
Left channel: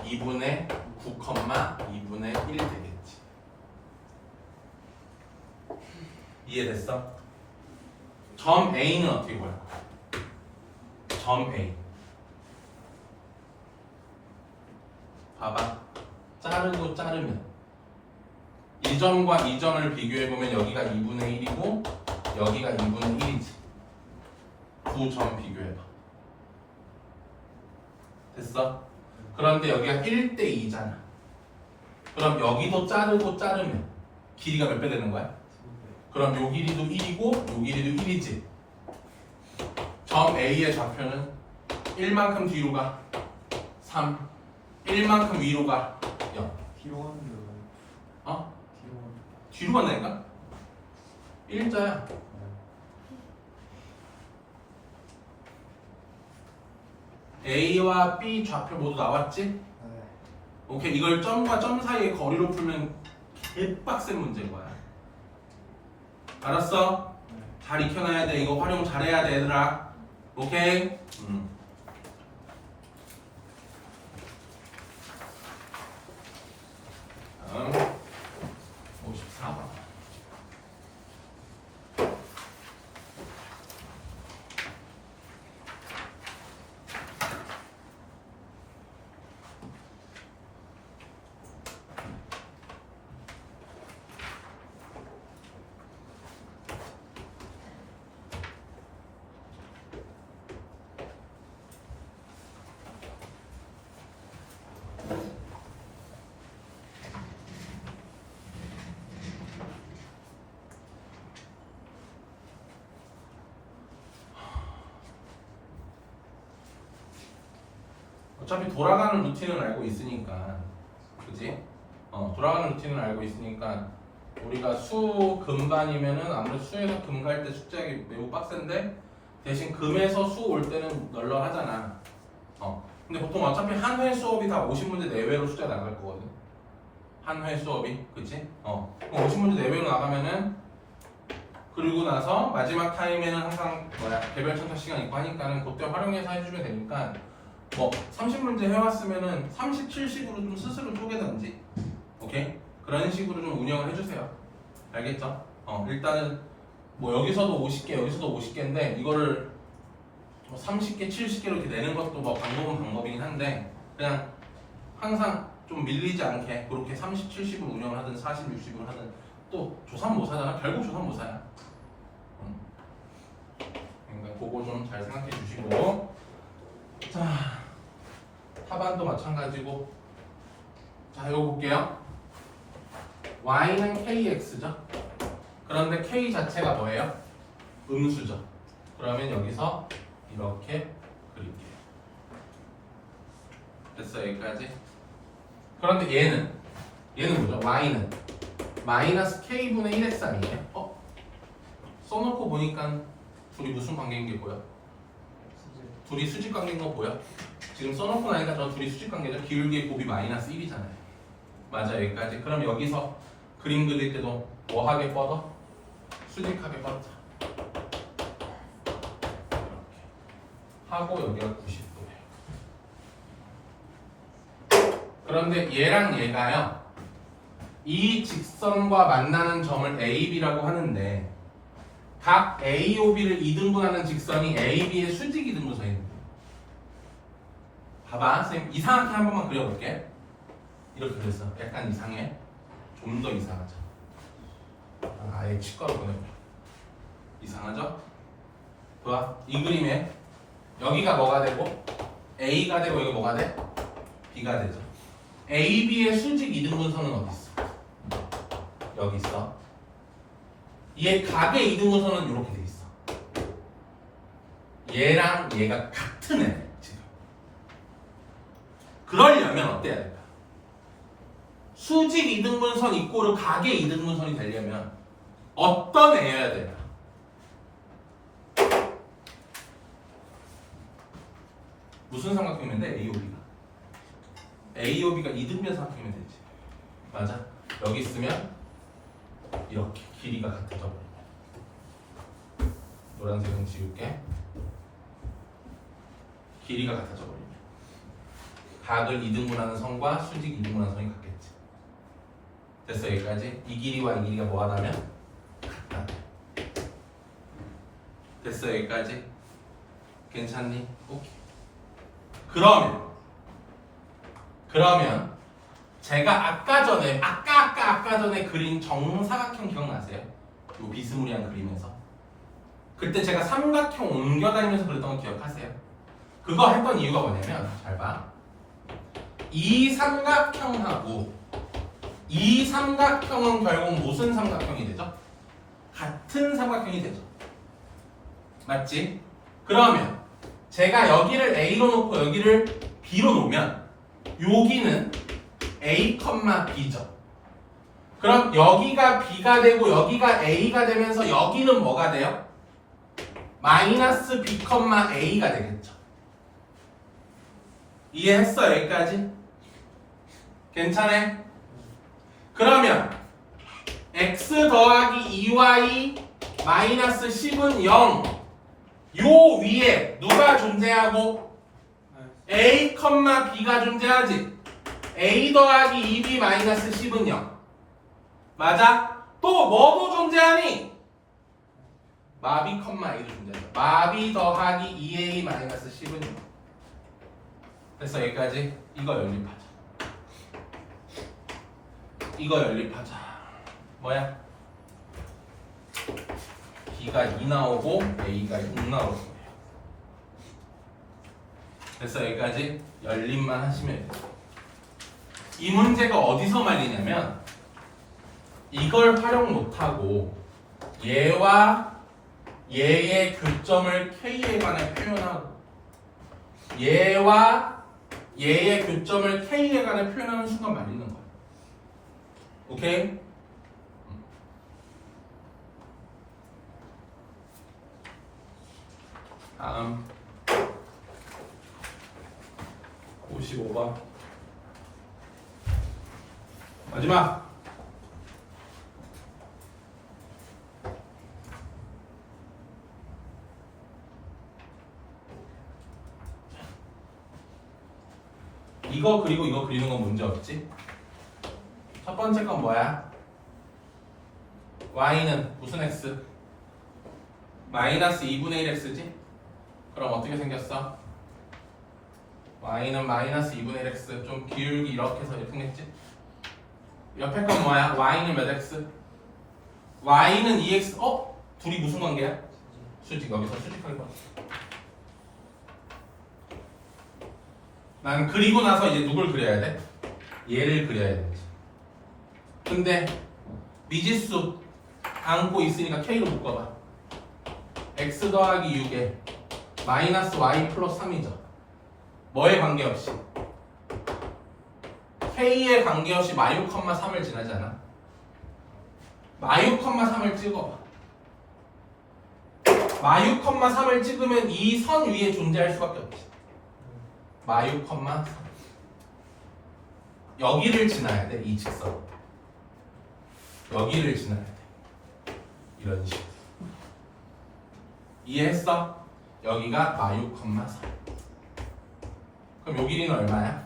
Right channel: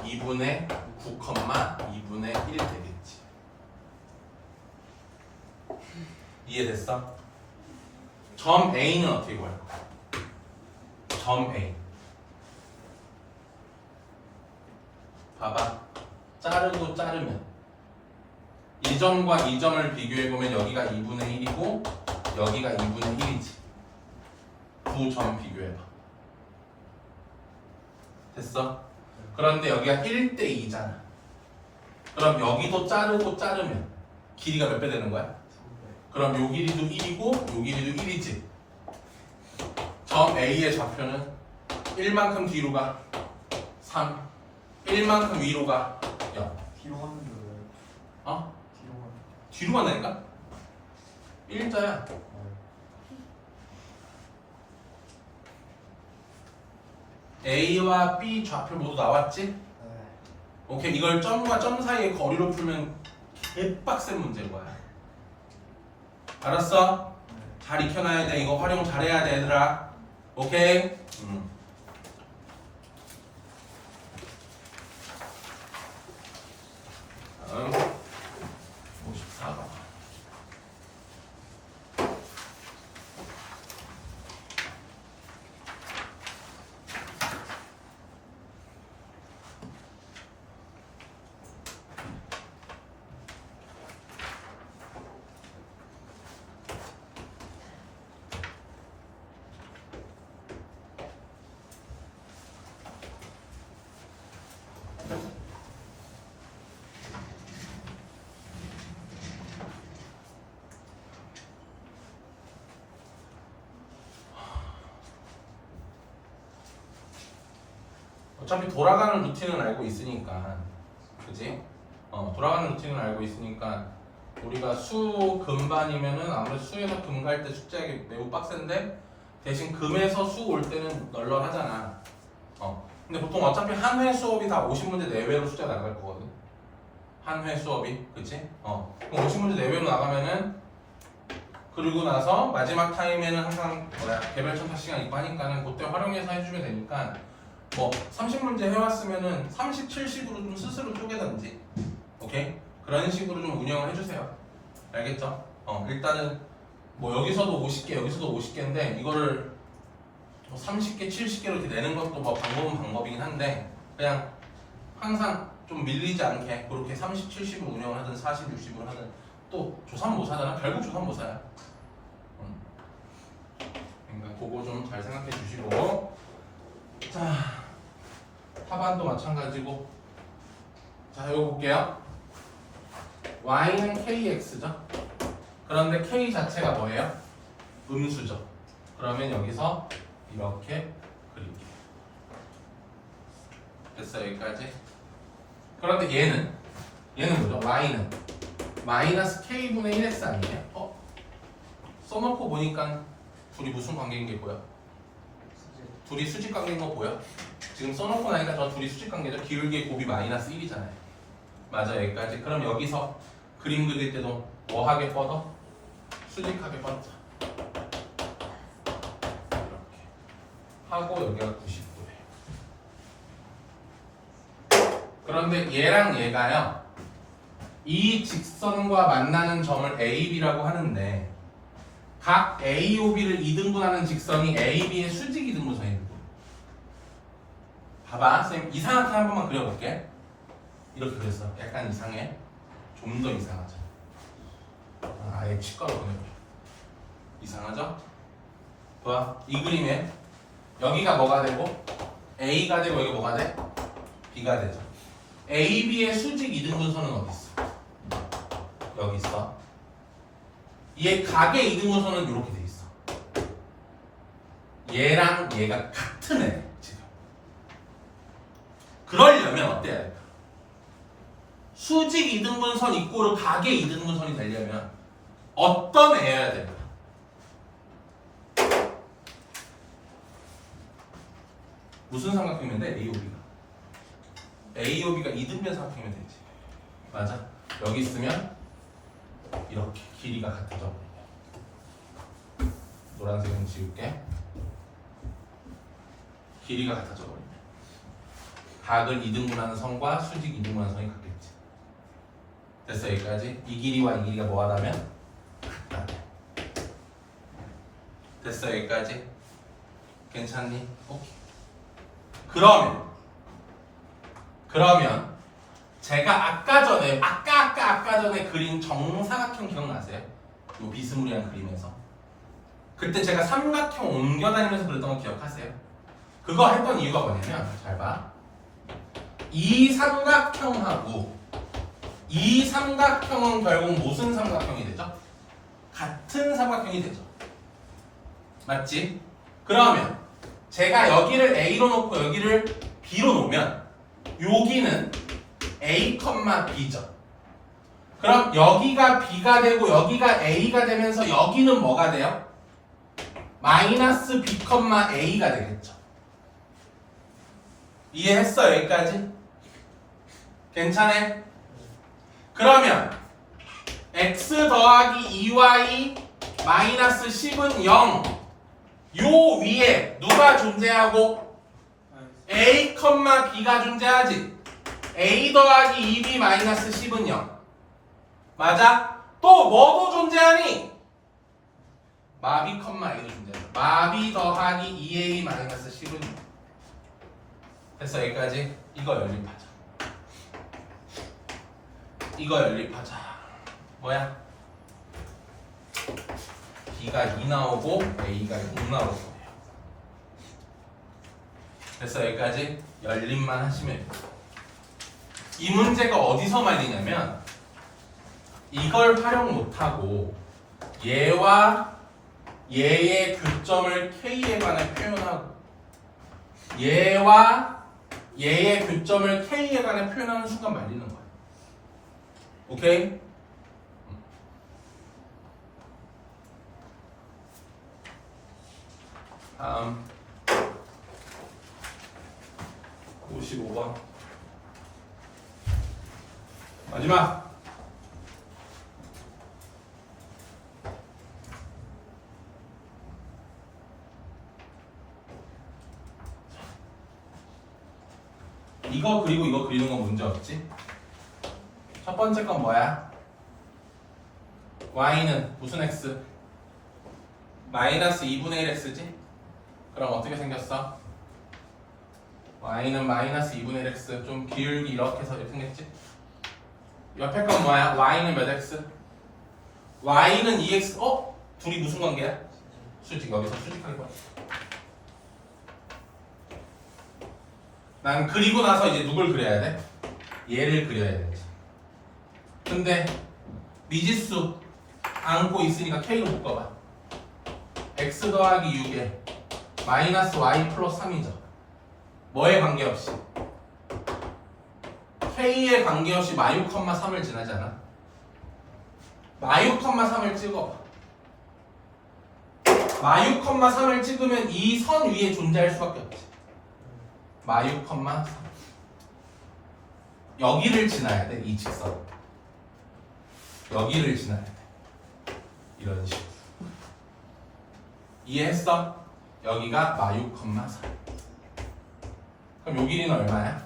2분의 9, 2분의 1 되겠지. 이해됐어? 점 A는 어떻게 구할 거야? 점 A. 봐봐. 자르고 자르면 이 점과 이 점을 비교해보면 여기가 2분의 1이고 여기가 2분의 1이지. 두 점 비교해봐. 됐어? 그런데 여기가 1대 2잖아. 그럼 여기도 자르고 자르면 길이가 몇 배 되는 거야? 그럼 요 길이도 1이고 요 길이도 1이지. 점 A의 좌표는 1만큼 뒤로 가 3, 1만큼 위로 가 0. 뒤로 가는 게 뭐예요? 어? 뒤로 가는 뒤로 간다니까? 1자야. A와 B 좌표 모두 나왔지? 네. 오케이. 이걸 점과 점 사이의 거리로 풀면 개빡센 문제인 거야. 알았어? 네. 잘 익혀놔야 돼. 이거 활용 잘해야 돼, 얘들아. 오케이? 다음 54번. 어차피 돌아가는 루틴은 알고 있으니까, 그지? 돌아가는 루틴은 알고 있으니까 우리가 수 금반이면은 아무래도 수에서 금 갈 때 숙제하기 매우 빡센데 대신 금에서 수 올 때는 널널하잖아. 근데 보통 어차피 한 회 수업이 다 50문제 내외로 숙제가 나갈 거거든. 한 회 수업이, 그치? 그럼 50문제 내외로 나가면은 그리고 나서 마지막 타임에는 항상 개별 첨삭 시간 있고 하니까는 그때 활용해서 해주면 되니까. 뭐 30문제 해왔으면은 30, 70으로 좀 스스로 쪼개든지, 오케이? 그런 식으로 좀 운영을 해주세요. 알겠죠? 일단은 뭐 여기서도 50개, 여기서도 50개인데 이거를 30개, 70개로 이렇게 내는 것도 뭐 방법은 방법이긴 한데 그냥 항상 좀 밀리지 않게 그렇게 30, 70을 운영을 하든 40, 60을 하든 또 조삼모사잖아. 결국 조삼모사야. 그러니까 그거 좀 잘 생각해 주시고, 자, 하반도 마찬가지고. 자, 이거 볼게요. y는 kx죠. 그런데 k 자체가 뭐예요? 음수죠. 그러면 여기서 이렇게 그릴게요. 됐어, 여기까지. 그런데 얘는 뭐죠? y는 마이너스 k분의 1x 아니에요? 써놓고 보니까 둘이 무슨 관계인 게 보여? 둘이 수직 관계인 거 보여? 지금 써놓고 나니까 저 둘이 수직 관계죠. 기울기의 곱이 마이너스 1이잖아요. 맞아, 여기까지. 그럼 여기서 그림 그릴 때도 뭐하게 뻗어? 수직하게 뻗자. 이렇게 하고 여기가 90도예요. 그런데 얘랑 얘가요, 이 직선과 만나는 점을 AB라고 하는데 각 A, O, B를 이등분하는 직선이 A, B의 수직 이등분선입니다. 봐봐, 선생님 이상하게 한 번만 그려볼게. 이렇게 그렸어. 약간 이상해. 좀 더 이상하죠. 아예 치과로 보내볼게. 이상하죠? 봐, 이 그림에 여기가 뭐가 되고 A가 되고 여기 뭐가 돼? B가 되죠. A, B의 수직 이등분선은 어디 있어? 여기 있어. 얘 각의 이등분선은 이렇게 돼 있어. 얘랑 얘가 같은 애 지금. 그러려면 어때야 될까? 수직 이등분선 이꼬르 각의 이등분선이 되려면 어떤 애여야 될까? 무슨 삼각형이면 돼? AOB가. AOB가 이등변 삼각형이면 되지. 맞아. 여기 있으면 이렇게 길이가 같아져. 노란색은 지울게. 길이가 같아져 버리네. 각을 이등분하는 선과 수직 이등분하는 선이 같겠지. 됐어, 여기까지. 이 길이와 이 길이가 뭐하다면 같다. 됐어 여기까지? 괜찮니? 오케이. 그러면 제가 아까 전에 그린 정사각형 기억나세요? 요 비스무리한 그림에서 그때 제가 삼각형 옮겨다니면서 그랬던 거 기억하세요? 그거 했던 이유가 뭐냐면 잘 봐. 이 삼각형하고 이 삼각형은 결국 무슨 삼각형이 되죠? 같은 삼각형이 되죠. 맞지? 그러면 제가 여기를 A로 놓고 여기를 B로 놓으면 여기는 A, B죠. 그럼 여기가 B가 되고 여기가 A가 되면서 여기는 뭐가 돼요? 마이너스 B, A가 되겠죠. 이해했어 여기까지? 괜찮아? 그러면 x 더하기 2y 마이너스 10은 0. 요 위에 누가 존재하고? a, b가 존재하지. a 더하기 2b 마이너스 10은 0. 맞아? 또 뭐도 존재하니? 마비, a도 존재하죠. 마비 더하기 2a 마이너스 10은 0. 됐어 여기까지? 이거 연립하자. 이거 연립하자. 뭐야? B가 2 나오고 A가 6 나올 거예요. 그래서 여기까지 연립만 하시면 돼요. 이 문제가 어디서 말리냐면 이걸 활용 못하고 얘와 얘의 교점을 K에 관해 표현하고 얘와 얘의 교점을 K에 관해 표현하는 순간 말리는 거예요. 오케이? 다음 55번 마지막 이거 그리고 이거 그리는 건 문제 없지? 첫 번째 건 뭐야? y는 무슨 x? 마이너스 2분의 1x지? 그럼 어떻게 생겼어? y는 마이너스 2분의 1x 좀 기울기 이렇게 해서 이렇게 생겼지? 옆에 건 뭐야? y는 몇 x? y는 2x 둘이 무슨 관계야? 수직. 여기서 수직하게 봐. 난 그리고 나서 이제 누굴 그려야 돼? 얘를 그려야 되지. 근데 미지수 안고 있으니까 K로 묶어봐. x 더하기 6에 마이너스 y 플러스 3이죠. 뭐에 관계없이? K에 관계없이 마유, 3을 지나잖아. 마유, 3을 찍어봐. 마유, 3을 찍으면 이 선 위에 존재할 수밖에 없지. 마유, 3. 여기를 지나야 돼. 이 직선. 여기를 지나야 돼. 이런 식으로. 이해했어? 여기가 마유, 3. 그럼 요 길이는 얼마야?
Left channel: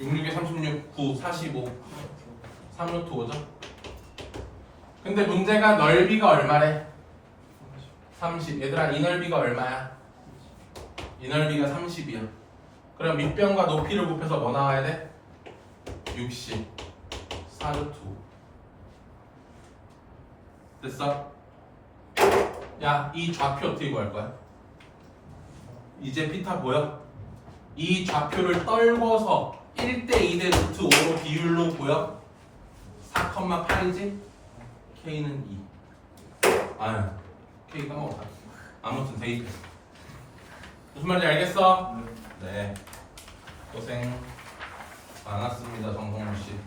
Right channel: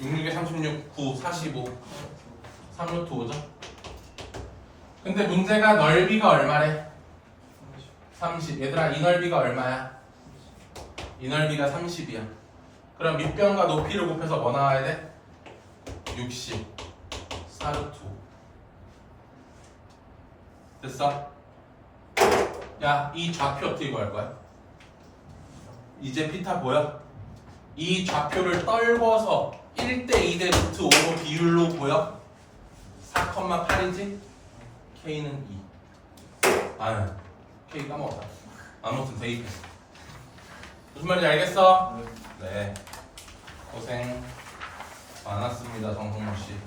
66에 36, 9, 45 3루트 5죠? 근데 문제가 넓이가 얼마래? 30. 얘들아 이 넓이가 얼마야? 이 넓이가 30이야. 그럼 밑변과 높이를 곱해서 뭐 나와야 돼? 60 4루트 5. 됐어? 야, 이 좌표 어떻게 구할 거야? 이제 피타 보여? 이 좌표를 떨궈서 1대 2대 루트 5로 비율로 보여? 4,8이지? K는 2. 아, K 까먹었다. 아무튼 대입했어. 무슨 말인지 알겠어? 네. 고생 많았습니다, 정성호 씨.